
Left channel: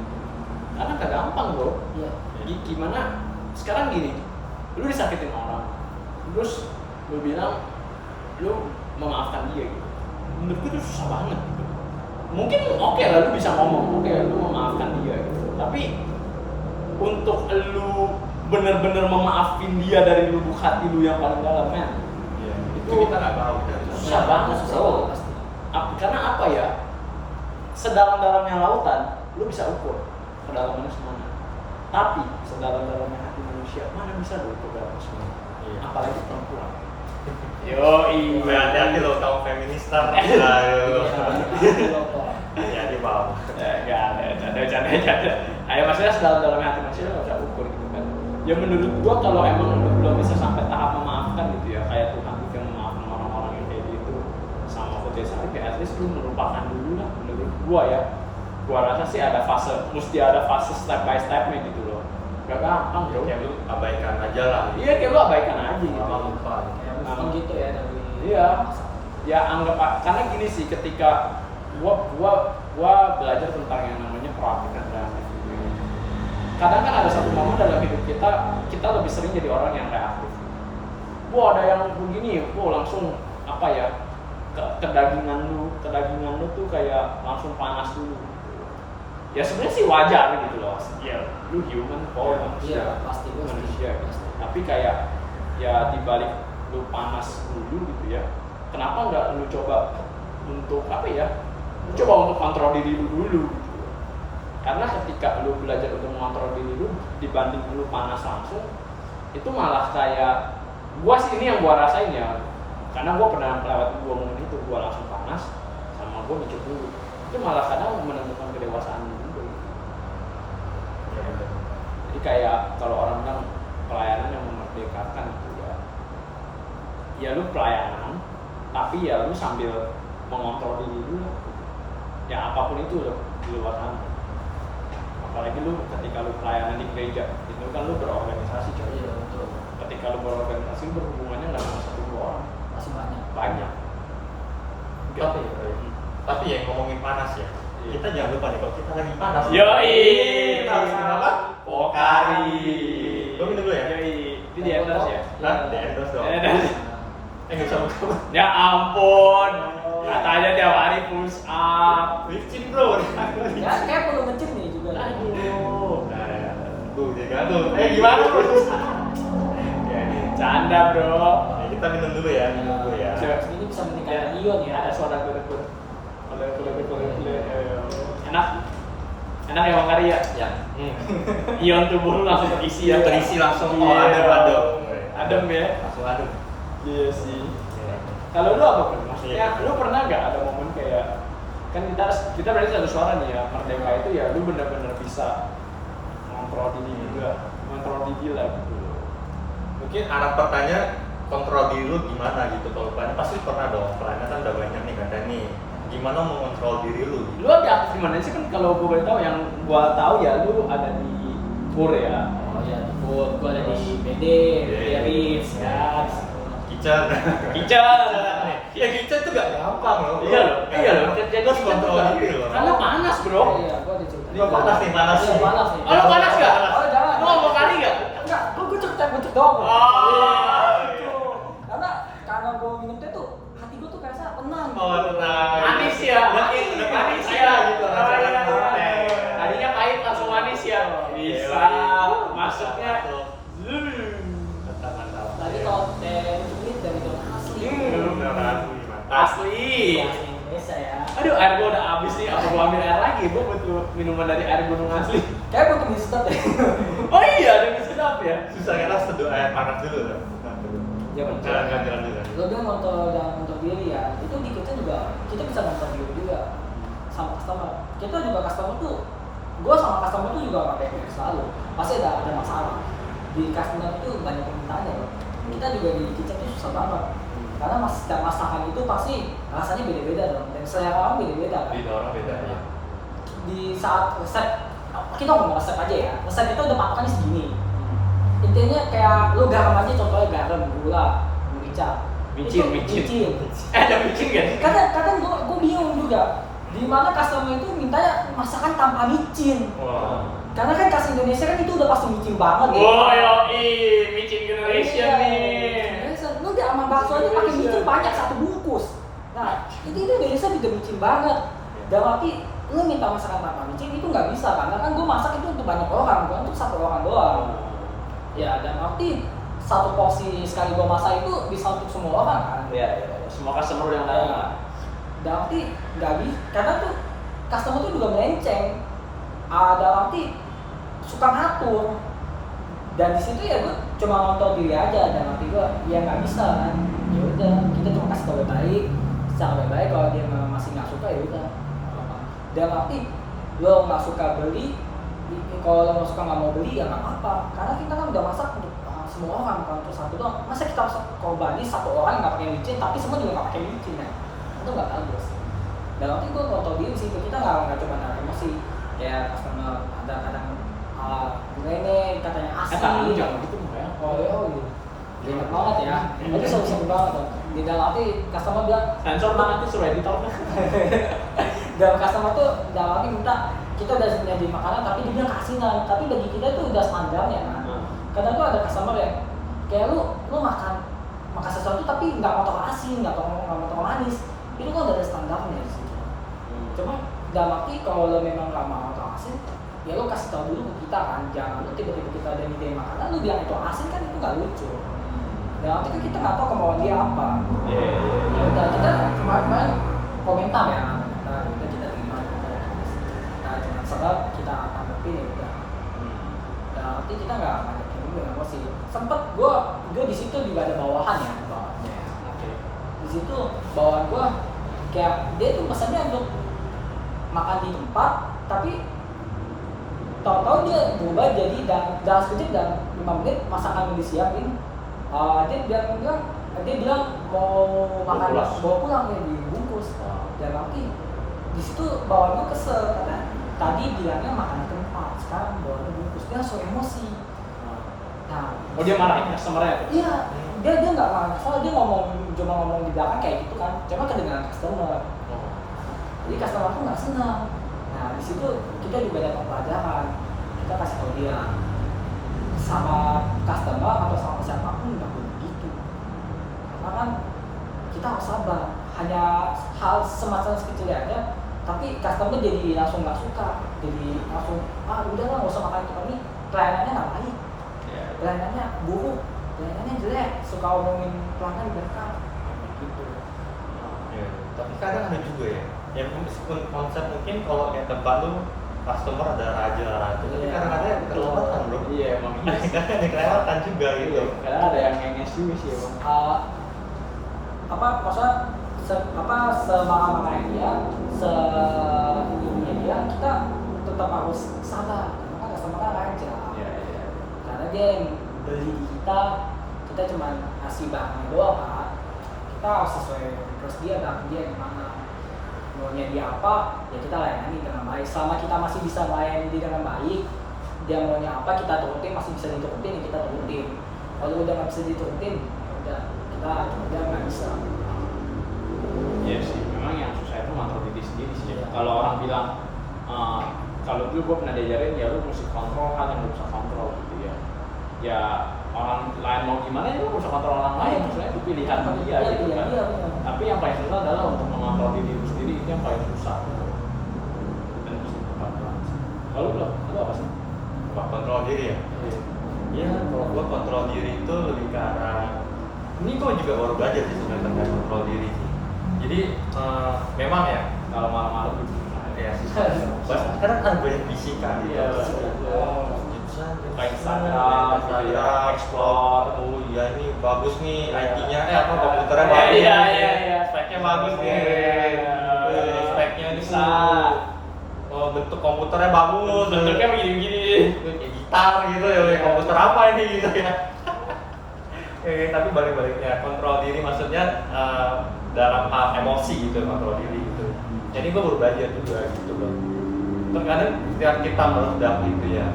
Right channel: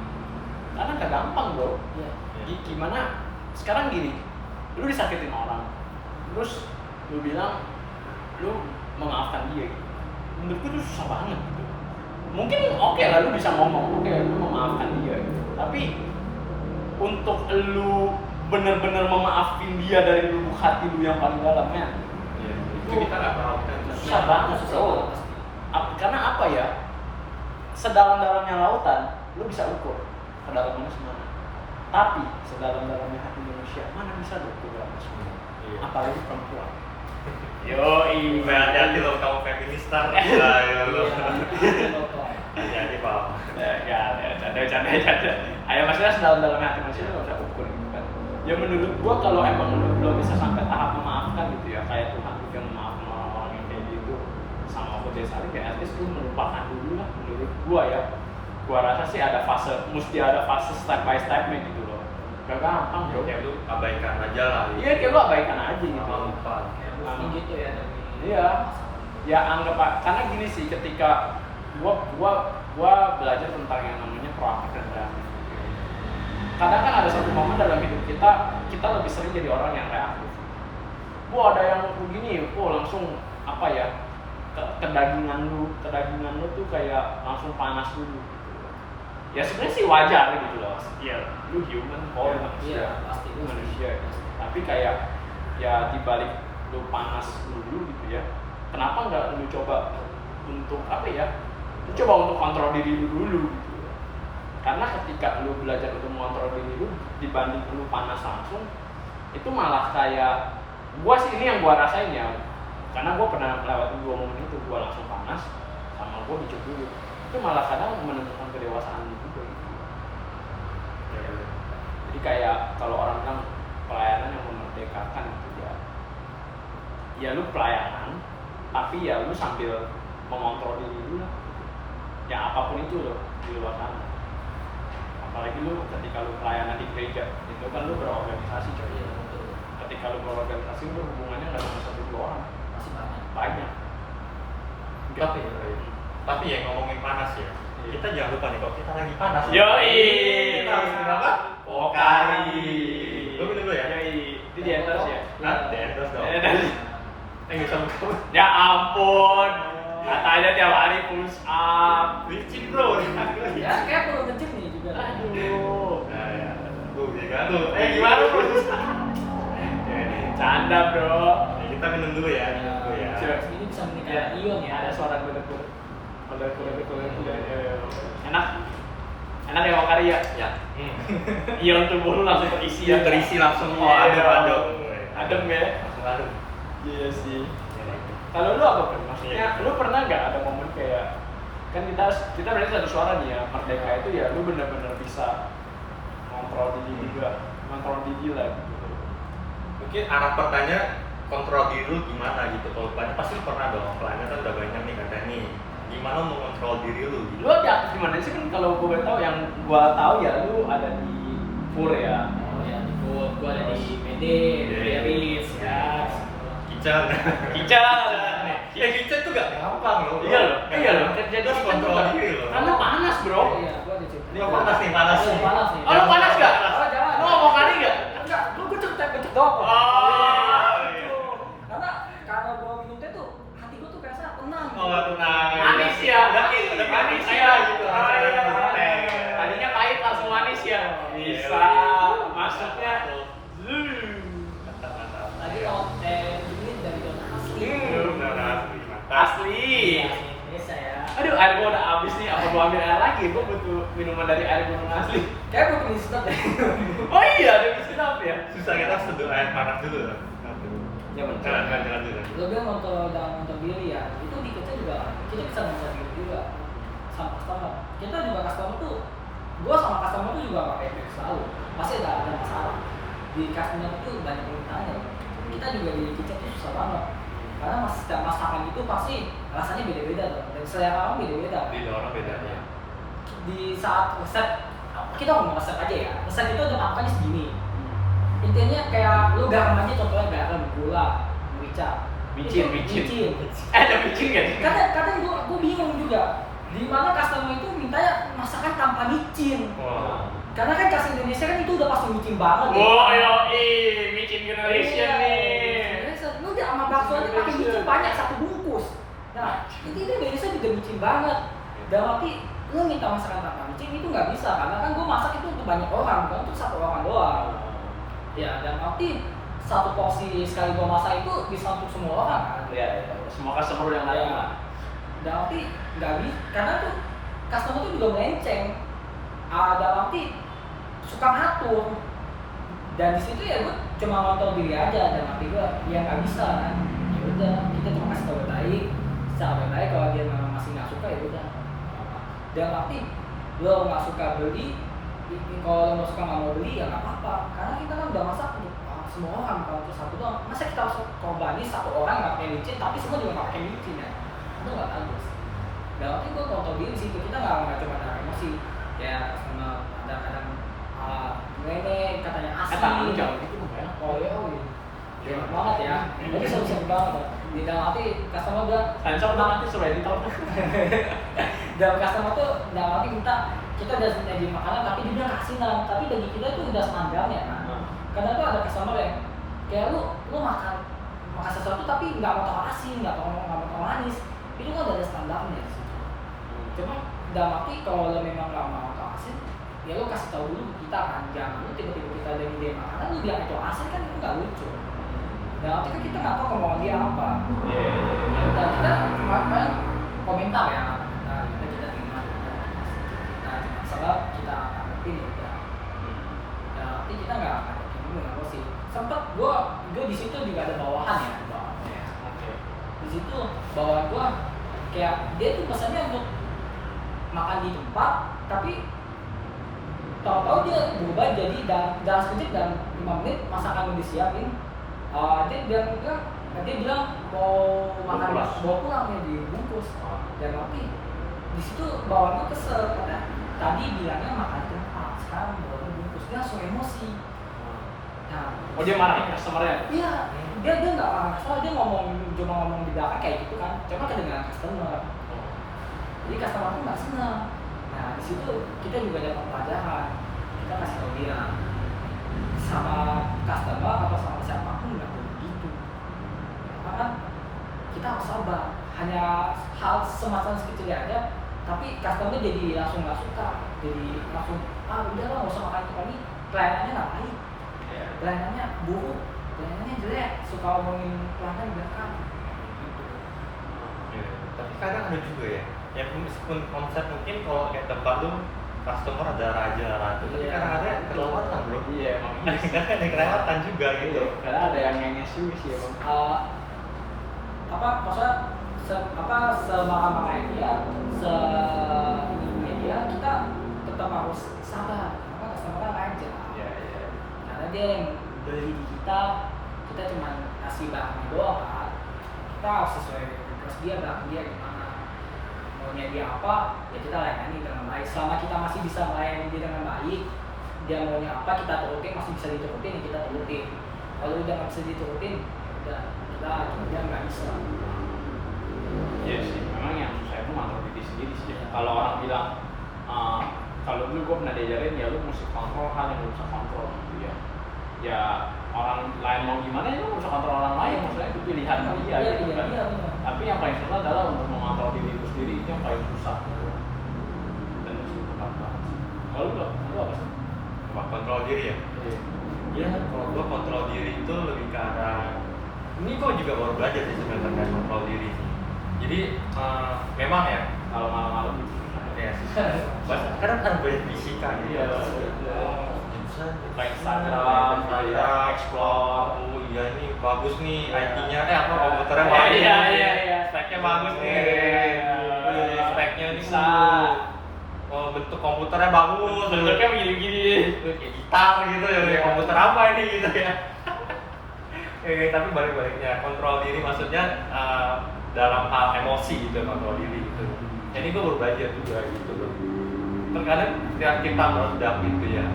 Karena gak gampang bro. Iya. Gimana sekarang gini, lu disakitin orang, terus lu bilang lu memaafkan dia gitu. Menurut gua itu susah banget gitu. Mungkin oke lah lu bisa ngomong, oke lu memaafkan dia gitu. Tapi untuk lu bener-bener memaafin dia dari lubuk hati lu yang paling dalam, men, Iya. Itu Itu kita nggak tahu. susah banget bro. pasti. Karena apa ya? Sedalam-dalamnya lautan, lu bisa ukur kedalamannya semana. Tapi sedalam-dalamnya hati manusia, mana bisa lu ukur dalamnya semana? Iya. Apalagi perempuan. Yoi. Hati-hati lo kaum feministar. Ayo. Hati-hati Pak. Enggak ada. Ayo maksudnya sedalam-dalamnya hati manusia lu nggak bisa ukur gitu kan. Ya menurut gua kalau emang lu belum bisa sampai tahap memaafkan gitu ya, kayak Tuhan juga memaafkan orang-orang yang kayak gitu sama Fudya Salim, ya at least lu melupakan dulu lah menurut gua ya. Gua rasa sih mesti ada fase step by stepnya gitu loh. Gak gampang bro. Kayak lu abaikan aja lah. Iya kayak lu abaikan aja gitu. Lama lupa. Mungkin gitu ya dari Iya. Ya anggap karena gini sih, ketika gua belajar tentang yang namanya proaktif dan reaktif. Kadang kan ada satu momen dalam hidup kita lebih sering jadi orang yang reaktif. Ada yang begini, langsung apa ya, kedagingan lu tuh kayak langsung panas dulu gitu. Ya sebenarnya sih wajar gitu loh. Ya lu human kok, manusia. Iya, pasti Lu manusia. pasti. Tapi kayak ya dibalik lu panas dulu gitu ya, kenapa nggak lu coba untuk apa ya? Lu coba untuk kontrol diri lu dulu gitu. Karena ketika lu belajar untuk mengontrol diri lu dibanding lu panas langsung, itu malah kayak gua sih, ini yang gua rasain ya, karena gua pernah melewati 2 momen itu, gua langsung panas sama gua mikir dulu, itu malah kadang menemukan kedewasaan juga gitu. Ya benar. Jadi kayak kalau orang bilang pelayanan yang memerdekakan itu ya lu pelayanan tapi ya lu sambil mengontrol diri lu lah gitu. Ya apapun itu loh di luar sana. Apalagi lu ketika lu pelayanan di gereja, itu kan lu berorganisasi coy. Iya, betul. Ketika lu berorganisasi, lu berhubungannya nggak sama 1-2 orang, Masih banyak. Tapi ya ngomongin panas ya. Iya. Kita jangan lupa nih kalau kita lagi panas. Yoi. Kita harus minum apa? Pokari. Gua minum dulu ya. Yoi. Itu di endorse ya. Hah? Di endorse dong. Nggak usah buka. Ya ampun. Katanya tiap hari push up. Licin bro. Ya kayak perlu mencet nih juga. Aduh. Nah, ya. Tuh, ya tuh. Gimana bro? Ya, ini. Canda bro. Ya, kita minum dulu ya, minum dulu ya. Coba. Ini bisa meningkatkan ion ya. Ada suara gudeg-gudeg. Enak. Enak ya Pokari ya. Ya. Ion tubuh lu langsung terisi ya. Terisi langsung. Iya, Oh, adem. Adem ya. Langsung adem. Iya sih. Ya. Kalau lu apa kan? Maksudnya Iya. lu pernah nggak ada momen kayak kan kita berarti satu suara nih ya, merdeka itu ya lu bener-bener bisa mengontrol diri juga, mengontrol diri lah gitu. Mungkin arah pertanyaan kontrol diri lu gimana gitu. Kalau banyak pasti pernah dong. Pelayanan kan udah banyak nih katanya nih. Gimana mengontrol diri lu? Lu ada aktif di mana sih kan? Kalau gue boleh tahu, yang gue tahu ya lu ada di Pur ya. Oh ya, gua ada di BD, Iya. Riz, ya. Kitchen. Kitchen. Ya kitchen tuh gak gampang loh. Iya loh. Jadi harus kontrol diri loh. Karena panas bro. Iya, gua ada cerita. Gua panas nih, panas Iya, nih. panas nih. Oh lu panas gak? Oh, jangan. Lu ngomong kali gak? Enggak, gua cek doang kok. Oh. Gitu. Karena gua minum teh tuh hati gua tuh kayak tenang. Oh tenang. Manis ya. Udah Manis kayak ya gitu. Oh, iya. Teh. Tadinya pahit langsung manis ya. Bisa. Masuknya. Mantap. Tadi kalau teh ini dari zona asli. Mantap. Asli. Bahasa Indonesia ya. Aduh, air gua udah habis nih. Apa gua ambil air lagi? Gua butuh minuman dari air gunung asli. Kayak butuh mie sedap deh. Oh iya, ada mie sedap ya. Susah kita seduh air panas dulu loh. Ya benar. Jalan dulu. Lo bilang kontrol dan kontrol diri ya. Itu di kita juga kita bisa kontrol diri juga sama customer. Kita juga customer tuh, gua sama customer tuh juga nggak kayak selalu. Pasti ada masalah. Di customer tuh banyak permintaannya loh. Kita juga di kitchen tuh susah banget. Karena setiap masakan itu pasti rasanya beda-beda dong. Dan selera orang beda-beda kan. Beda orang beda ya. Di saat resep kita ngomong resep aja ya. Resep kita udah patokannya segini. Itu intinya kayak lu garam aja, contohnya garam, gula, merica, Micin. Ada micin kan? kadang gua bingung juga di mana customer itu mintanya masakan tanpa micin. Wah. Karena kan khas Indonesia kan itu udah pasti micin banget. Wow, micin generation nih. Generation. Lu udah sama bakso aja pakai micin banyak satu bungkus. Nah, itu Indonesia juga micin banget. Dan tapi lu minta masakan tanpa micin itu nggak bisa, karena kan gua masak itu untuk banyak orang, bukan untuk satu orang doang. Ya, dan arti satu porsi sekali gua masak itu bisa untuk semua orang kan. Iya. Semua customer yang datang lah. Dan arti nggak bisa, karena tuh customer tuh juga melenceng. Dalam arti suka ngatur. Dan di situ ya gue cuma ngontrol diri aja, dan arti gue ya nggak bisa kan. Ya udah, kita cuma kasih tau baik, secara baik kalau dia memang masih nggak suka ya udah. Dan arti lo nggak suka beli, kalau lo nggak suka nggak mau beli ya nggak apa-apa, karena kita kan udah masak untuk semua orang, bukan untuk satu doang. Masa kita harus korbani satu orang yang nggak pakai micin, tapi semua juga nggak pakai micin ya, itu nggak bagus. Dan waktu itu gue kontrol diri sih, kita nggak cuma ada emosi, ya customer ada kadang ini katanya asin. Tangan lu jangan gitu dong ya. Oh iya, enak banget ya. Jadi sering banget tuh. Di dalam arti customer bilang Sensor lah nanti suruh editor. dan customer tuh dalam arti minta kita udah nyediain makanan tapi dia bilang keasinan, tapi bagi kita itu udah standarnya kan. Kadang tuh ada customer yang kayak lu makan sesuatu tapi nggak mau tau asin, nggak mau tau manis, itu kan udah ada standarnya di situ. Cuma dalam arti kalau lo memang nggak mau tau asin, ya lo kasih tahu dulu ke kita kan, jangan lu tiba-tiba kita ada ide makanan lu bilang itu asin, kan itu nggak lucu. Dan arti kan kita nggak tahu kemauan dia apa. Iya. Dan kita kemarin komentar ya, kita terima, kita cuma sebab kita tanggapin ya udah. Dan arti kita nggak tanggapin juga nggak sih. Sempet gue di situ juga ada bawahan ya, di situ bawahan gue kayak dia tuh pesannya untuk makan di tempat, tapi tahu-tahu dia berubah jadi dalam sekejap dan 5 menit masakan udah disiapin. Dia bilang mau makan bawa pulang nih dibungkus. Dan nanti di situ bawaannya kesel karena tadi bilangnya makan di tempat, sekarang bawaannya bungkus, dia langsung emosi. Nah, dia marahin customer-nya tuh? Iya, dia nggak marah, soalnya dia cuma ngomong di belakang kayak gitu kan, cuma kedengaran customer. Jadi customer tuh nggak senang. Nah di situ kita juga dapat pelajaran, kita kasih tahu dia sama customer atau sama siapapun nggak boleh begitu. Karena kan kita harus sabar, hanya hal semacam sekecil aja, tapi customer jadi langsung nggak suka, jadi langsung udah lah nggak usah makan tempat ini, pelayanannya nggak baik, pelayanannya buruk, pelayanannya jelek, suka omongin pelanggan di belakang gitu. Tapi kadang ada juga ya, yang meskipun konsep mungkin kalau kayak tempat lu customer ada raja, tapi kadang-kadang yang kelewatan bro. Iya emang iya. Kadang ada kelewatan juga gitu. Kadang ada yang ngenges juga sih emang. Maksudnya semangat-mangatnya dia, dia kita tetap harus sabar, karena kan customer raja. Iya. Karena dia yang beli di kita cuma kasih barangnya doang kan. Kita harus sesuai request dia, barang dia gimana, maunya dia apa, ya kita layani dengan baik. Selama kita masih bisa melayani dia dengan baik, dia maunya apa kita turutin, masih bisa diturutin, ya kita turutin. Kalau udah nggak bisa diturutin, udah kita aja nggak bisa. Iya sih, memang yang susah itu ngontrol diri sendiri sih. Kalau orang bilang, kalau dulu gue pernah diajarin ya lu mesti kontrol hal yang lu bisa kontrol gitu ya. Ya orang lain mau gimana ya lu bisa kontrol orang lain, maksudnya itu pilihan dia gitu kan. Tapi yang paling susah adalah untuk mengontrol diri lu sendiri, itu yang paling susah gitu. Benar sih, tepat banget sih. Kalau lu apa sih? Apa kontrol diri ya? Iya, kalau gua kontrol diri itu lebih ke arah, ini gua juga baru belajar sih sebenarnya terkait kontrol diri sih. Jadi memang ya Kalau malam-malam gitu. ya kadang kan banyak bisikan gitu. Instagram, explore. Oh iya ini bagus nih IT-nya, komputernya bagus. Iya. Speknya bagus nih. Speknya bisa. Oh, bentuk komputernya bagus. Bentuknya begini-begini. Kayak gitar gitu ya, komputer apa ini gitu ya. Tapi balik-baliknya kontrol diri maksudnya dalam hal emosi gitu, kontrol diri gitu. Jadi gue baru belajar juga gitu loh. Terkadang ketika kita meledak gitu ya,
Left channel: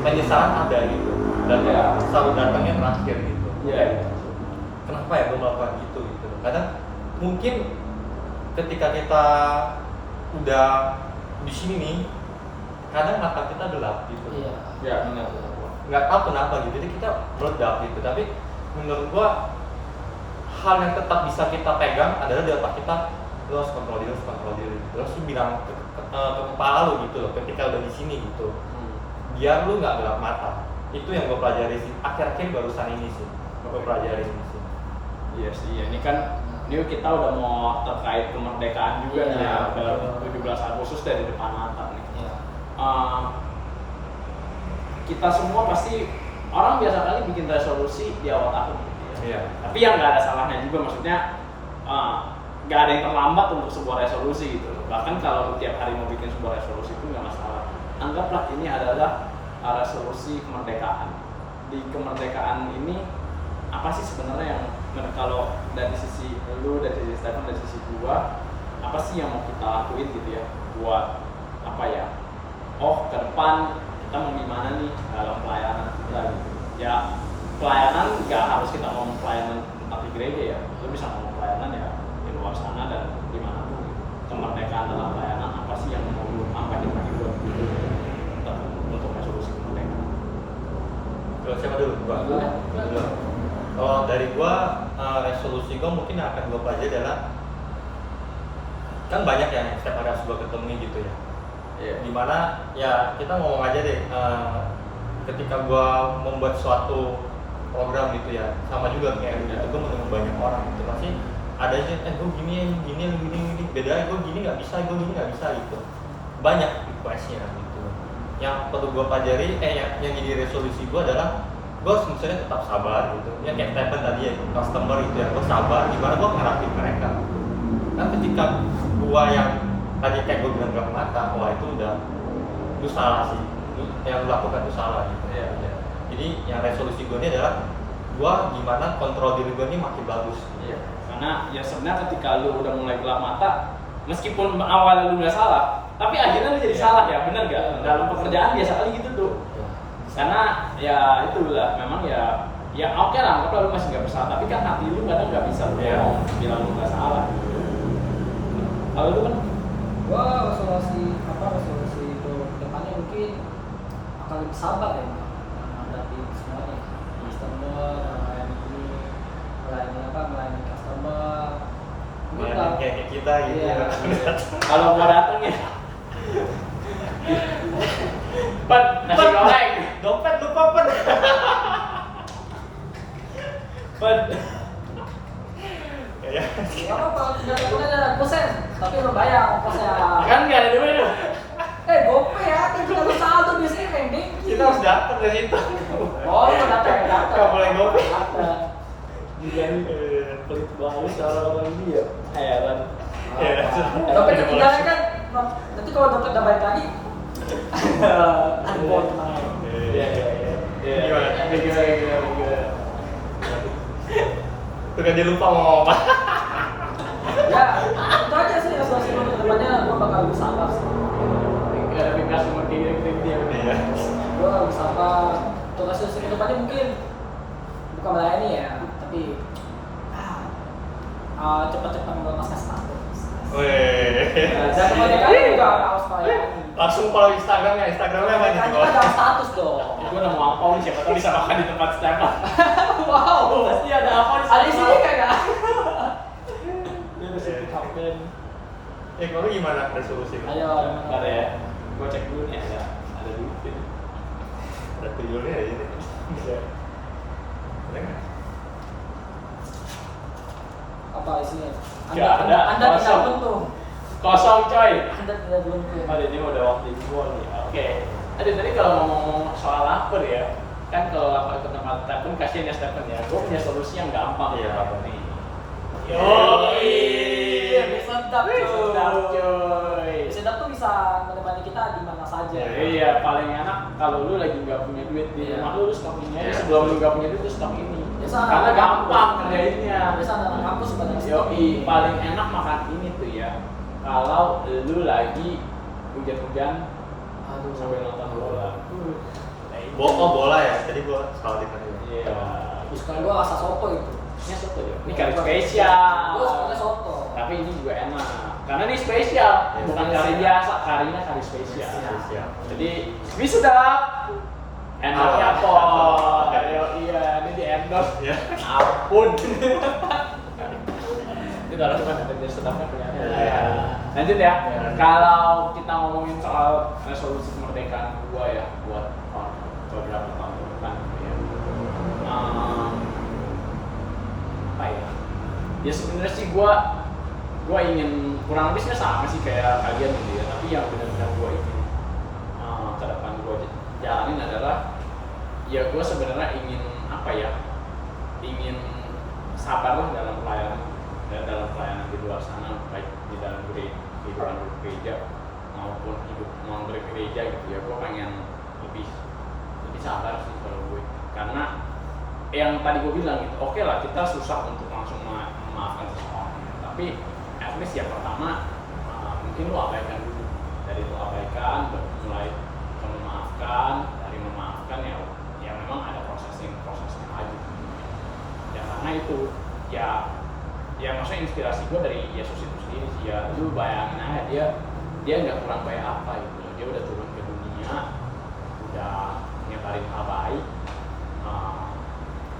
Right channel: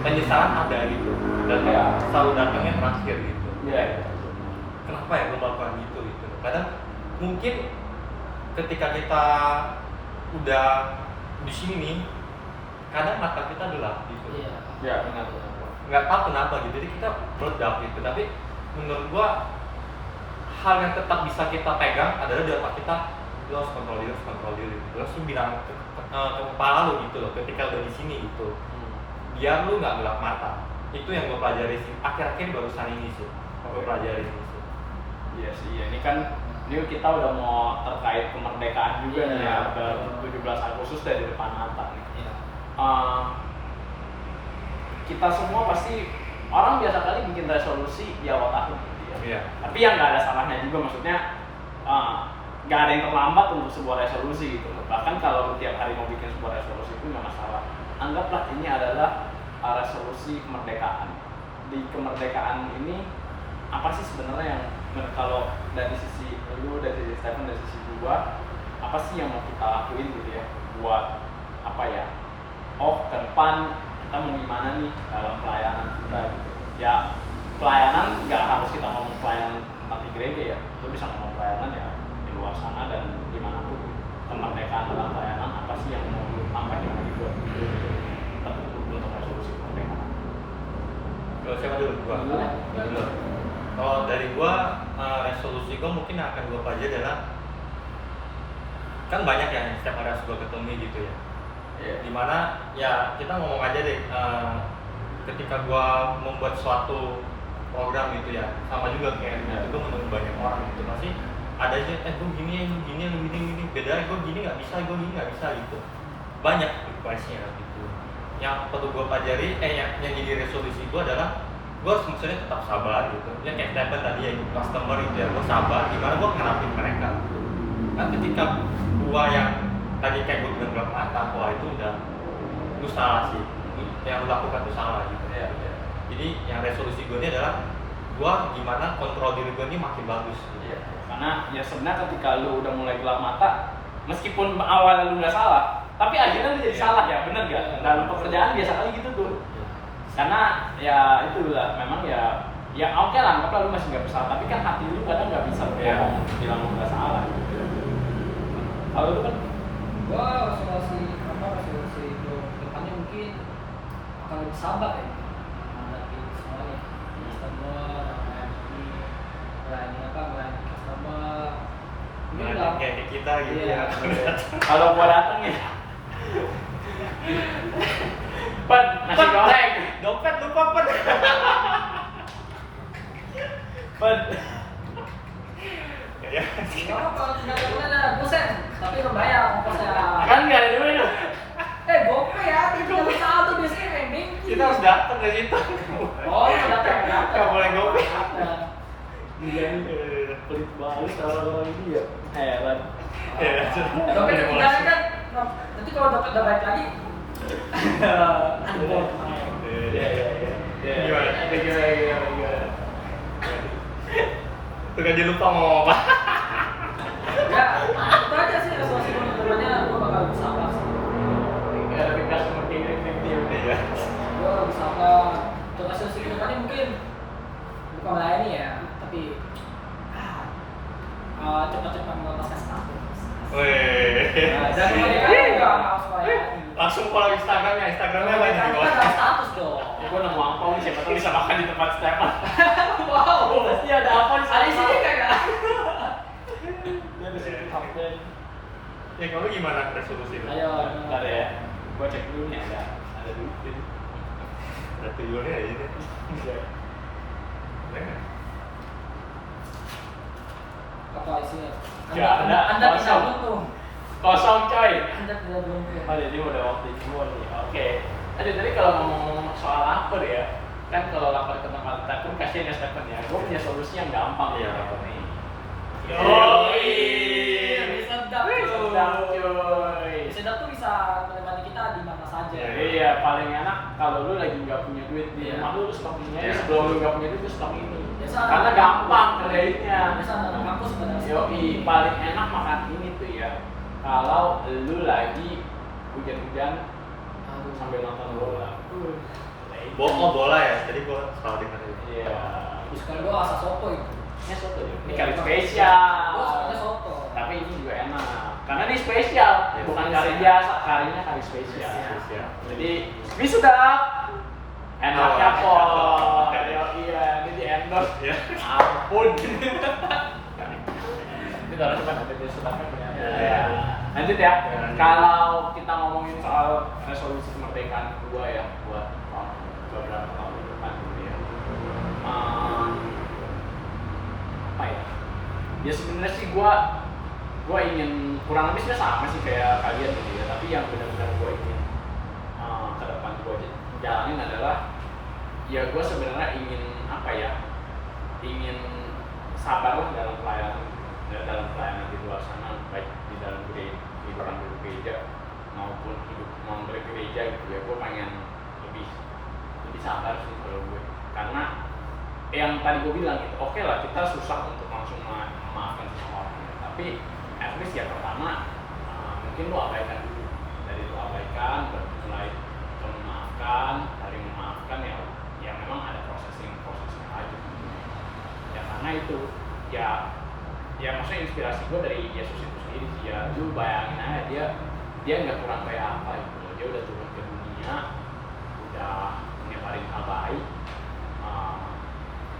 penyesalan ada gitu dan selalu datangnya terakhir gitu. Kenapa ya gue melakukan gitu kadang mungkin ketika kita udah di sini nih kadang mata kita gelap gitu. Ya, benar. Nggak tahu kenapa gitu, jadi kita meledak gitu. Tapi menurut gua hal yang tetap bisa kita pegang adalah di otak kita, lu harus kontrol diri. Terus lu bilang ke kepala lu gitu loh, ketika udah di sini gitu, biar lu nggak gelap mata. Itu yang gua pelajari sih akhir-akhir barusan ini sih, gua pelajari gitu. Iya sih, ini kan ini kita udah mau terkait kemerdekaan juga nih ya, ke 17 Agustus dari depan mata nih. Kita semua pasti orang biasa kali bikin resolusi di awal tahun gitu ya. Iya. Tapi yang nggak ada salahnya juga, maksudnya nggak ada yang terlambat untuk sebuah resolusi gitu loh. Bahkan kalau tiap hari mau bikin sebuah resolusi itu nggak masalah. Anggaplah ini adalah resolusi kemerdekaan. Di kemerdekaan ini apa sih sebenarnya yang kalau dari sisi lu, dari sisi Stephen, dari sisi gua, apa sih yang mau kita lakuin gitu ya buat apa ya? Oh, ke depan kita mau gimana nih dalam pelayanan kita gitu. Ya, pelayanan nggak harus kita ngomong pelayanan tentang di gereja ya. Lu bisa ngomong pelayanan ya di luar sana dan dimanapun gitu. Kemerdekaan dalam pelayanan apa sih yang mau lu tambahin lagi buat gitu untuk resolusi kemerdekaan? Kalau siapa dulu? Gua dulu. Kalau dari gua resolusi gua mungkin yang akan gua pelajari adalah kan banyak yang setiap hari harus gua ketemu gitu ya. Dimana ya kita ngomong aja deh, ketika gua membuat suatu program gitu ya, sama juga kayak gitu, gua menemu banyak orang gitu, pasti ada aja, gua gini, beda, gua gini nggak bisa gitu, banyak requestnya gitu. Yang perlu gua pelajari, yang jadi resolusi gua adalah gua misalnya tetap sabar gitu, yang kayak Stephen tadi ya, customer gitu ya, gua sabar, gimana gua ngadapin mereka. Kan ketika gua yang tadi kayak gue bilang gelap mata, wah itu udah lu salah sih, yang lu lakukan itu salah gitu ya. Jadi yang resolusi gue ini adalah gue gimana kontrol diri gue ini makin bagus gitu. Karena ya sebenarnya ketika lu udah mulai gelap mata, meskipun awalnya lu nggak salah, tapi akhirnya lu jadi salah ya, bener gak? Dalam pekerjaan biasa kali gitu tuh. Karena ya itulah, memang ya oke lah, anggaplah lu masih nggak bersalah, tapi kan hati lu kadang nggak bisa berbohong, bilang lu nggak salah. Kalau lu kan Gua resolusi itu depannya mungkin akan lebih sabar ya menghadapi semuanya, customer, melayani customer, Melayani kayak kita gitu ya. kalau gua dateng ya Pan, nasi goreng, dompet lupa Pan. Ya apa, tinggal ada kusen, tapi lo bayar ongkosnya. Kan nggak ada duit tuh. GoPay ya, tinggal saldo biasanya pending. Kita harus datang ke situ. Oh, datang. Nggak boleh GoPay. Iya nih, pelit banget orang-orang ini ya. Heran. Dompet ketinggalan kan, nanti kalau dompet udah balik lagi, aduh gua tenang. Gimana? Tuh kan dia lupa ngomong apa. Ya, itu aja sih resolusi untuk kedepannya, gue bakal lebih sabar sih. Gak ada pindah sumber tinggi dia. Iya. Gue bakal lebih sabar. Untuk resolusi kedepannya mungkin bukan melayani ya, tapi cepat-cepat melepaskan status. Wih. Jangan kebanyakan juga harus melayani. Langsung follow Instagramnya apa nih di Kita bawah? dalam status dong. Gue nemu apa nih, siapa tahu bisa makan di tempat Stefan. Wow. Pasti ada apa di Ada di sini kagak? Dia ada situ kapten. Kalau gimana resolusi lu? Ayo. Gak ada ya. Gue cek dulu nih, ada dulu. Ada tuyulnya ya ini. Ada nggak? Apa isinya? Gak ada. Anda tidak Kosong. beruntung. Kosong coy. Anda tidak beruntung. Ada dia udah waktu itu nih. Oke. Aduh tadi kalau ngomong soal lapar ya, kan kalau lapar ke tempat Stephen, kasihan ya Stephen ya. Gue punya solusi yang gampang. Iya, apa nih? Yoi. Sedap Sedap cuy. coy. Sedap tuh bisa menemani kita di mana saja. Iya, paling enak kalau lu lagi nggak punya duit di Iya. rumah lu stok ini aja. Iya. Sebelum lu nggak punya duit, lu stok ini. Biasa Karena anak gampang kampus. kerjainnya. Biasa anak kampus pada Yoi, paling enak makan ini tuh ya. Kalau lu lagi hujan-hujan Aduh, sambil nonton bola. bola ya, jadi gue selalu denger itu. Iya. Sekarang gue rasa soto itu. Ini soto ya. Ini kari spesial. Gue sukanya soto. Tapi ini juga enak. Karena ini spesial, Iya, bukan spesial. kari biasa, karinya kari spesial. Spesial. Jadi wisuda enaknya Oh, po. enak. Iya, ini di endorse. Iya. Ampun. Ini kalau cuma ada dia setapnya kelihatan. Iya. Lanjut ya. Iya. Kalau kita ngomongin soal resolusi kemerdekaan gua ya buat beberapa tahun ke depan gitu ya. Apa ya? Ya sebenarnya sih gua ingin kurang lebih sama sih kayak kalian gitu ya. Tapi yang benar-benar gua ingin ke depan gua jalanin adalah ya gua sebenarnya ingin apa ya? Ingin sabar lah dalam pelayanan di luar sana, baik di dalam kehidupan gereja maupun hidup non bergereja gitu ya. Gue pengen lebih sabar sih kalau gue, karena yang tadi gue bilang gitu, oke lah kita susah untuk langsung memaafkan seseorang, tapi at least ya pertama mungkin lu abaikan dulu, dari lu abaikan mulai ke memaafkan, dari memaafkan ya memang ada prosesnya lagi ya, karena itu ya maksudnya inspirasi gue dari Yesus itu sendiri sih ya. Lu bayangin aja dia nggak kurang baik apa gitu loh. Dia udah turun ke dunia, udah nyebarin hal baik,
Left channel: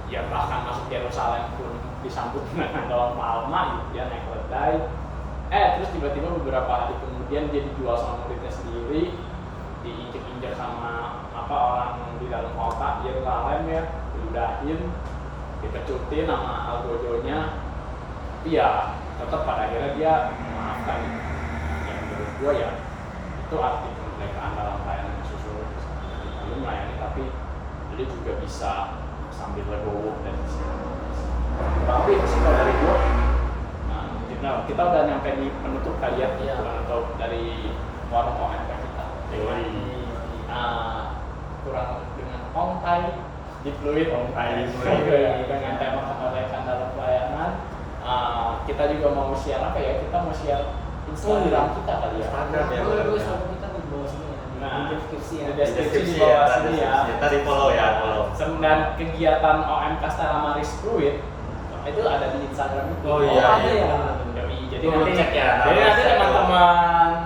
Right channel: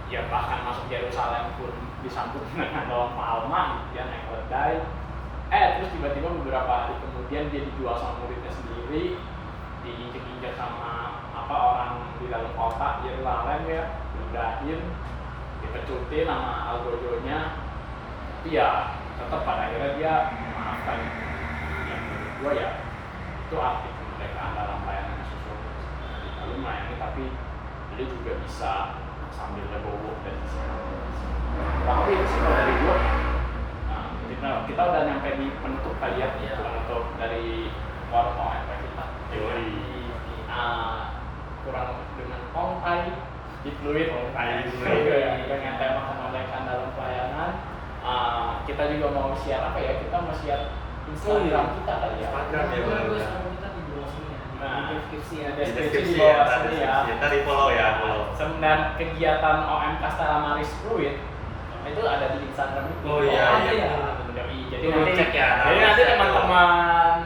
ya bahkan masuk Yerusalem pun disambut dengan daun palma gitu ya, naik keledai. Terus tiba-tiba beberapa hari kemudian dia dijual sama muridnya sendiri, diinjak-injak sama orang di dalam kota Yerusalem ya, diludahin, dipecutin sama algojonya. Tapi ya tetap pada akhirnya dia memaafkan. Yang menurut gue ya itu arti kemerdekaan dalam pelayanan Yesus. Lu melayani tapi lu juga bisa sambil legowo dan kurang lebih itu sih kalau dari gue. Nah, kita udah nyampe di penutup kali ya, penutup dari warung OMK kita. Kurang dengan tongkai di fluid dengan tema kemerdekaan dalam pelayanan. Kita juga mau share apa ya? Kita mau share Instagram kita kali ya. Instagram ya, benar. Kita di bawah sini ya. Nah, Di deskripsi ya. di deskripsi di bawah sini ya. Kita di follow ya, follow. Dan kegiatan OMK Setara Maris Fluid itu ada di Instagram itu. Oh iya, ada iya. ya? Jadi Itu nanti cek ya, jadi nama nanti cek teman-teman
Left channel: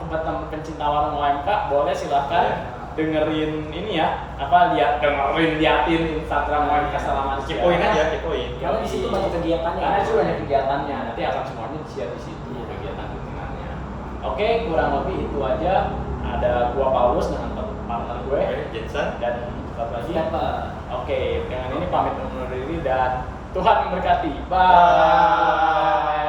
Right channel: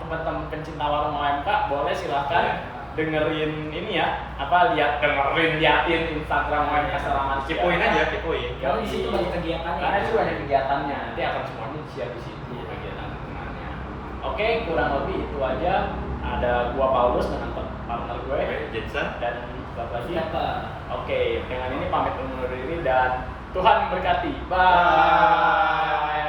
teman-teman pencinta warung OMK boleh silahkan Iya. dengerin ini ya, liatin Instagram OMK Setara Maris. Kepoin aja, kepoin. Karena di situ banyak kegiatannya. Karena itu banyak kegiatannya, nanti akan semuanya di-share di situ kegiatan rutinannya. Oke, kurang lebih itu aja. Ada gua Paulus dengan partner gue Oke, Jensen. dan satu lagi. Siapa? Oke, dengan ini pamit undur diri dan Tuhan memberkati. Bye.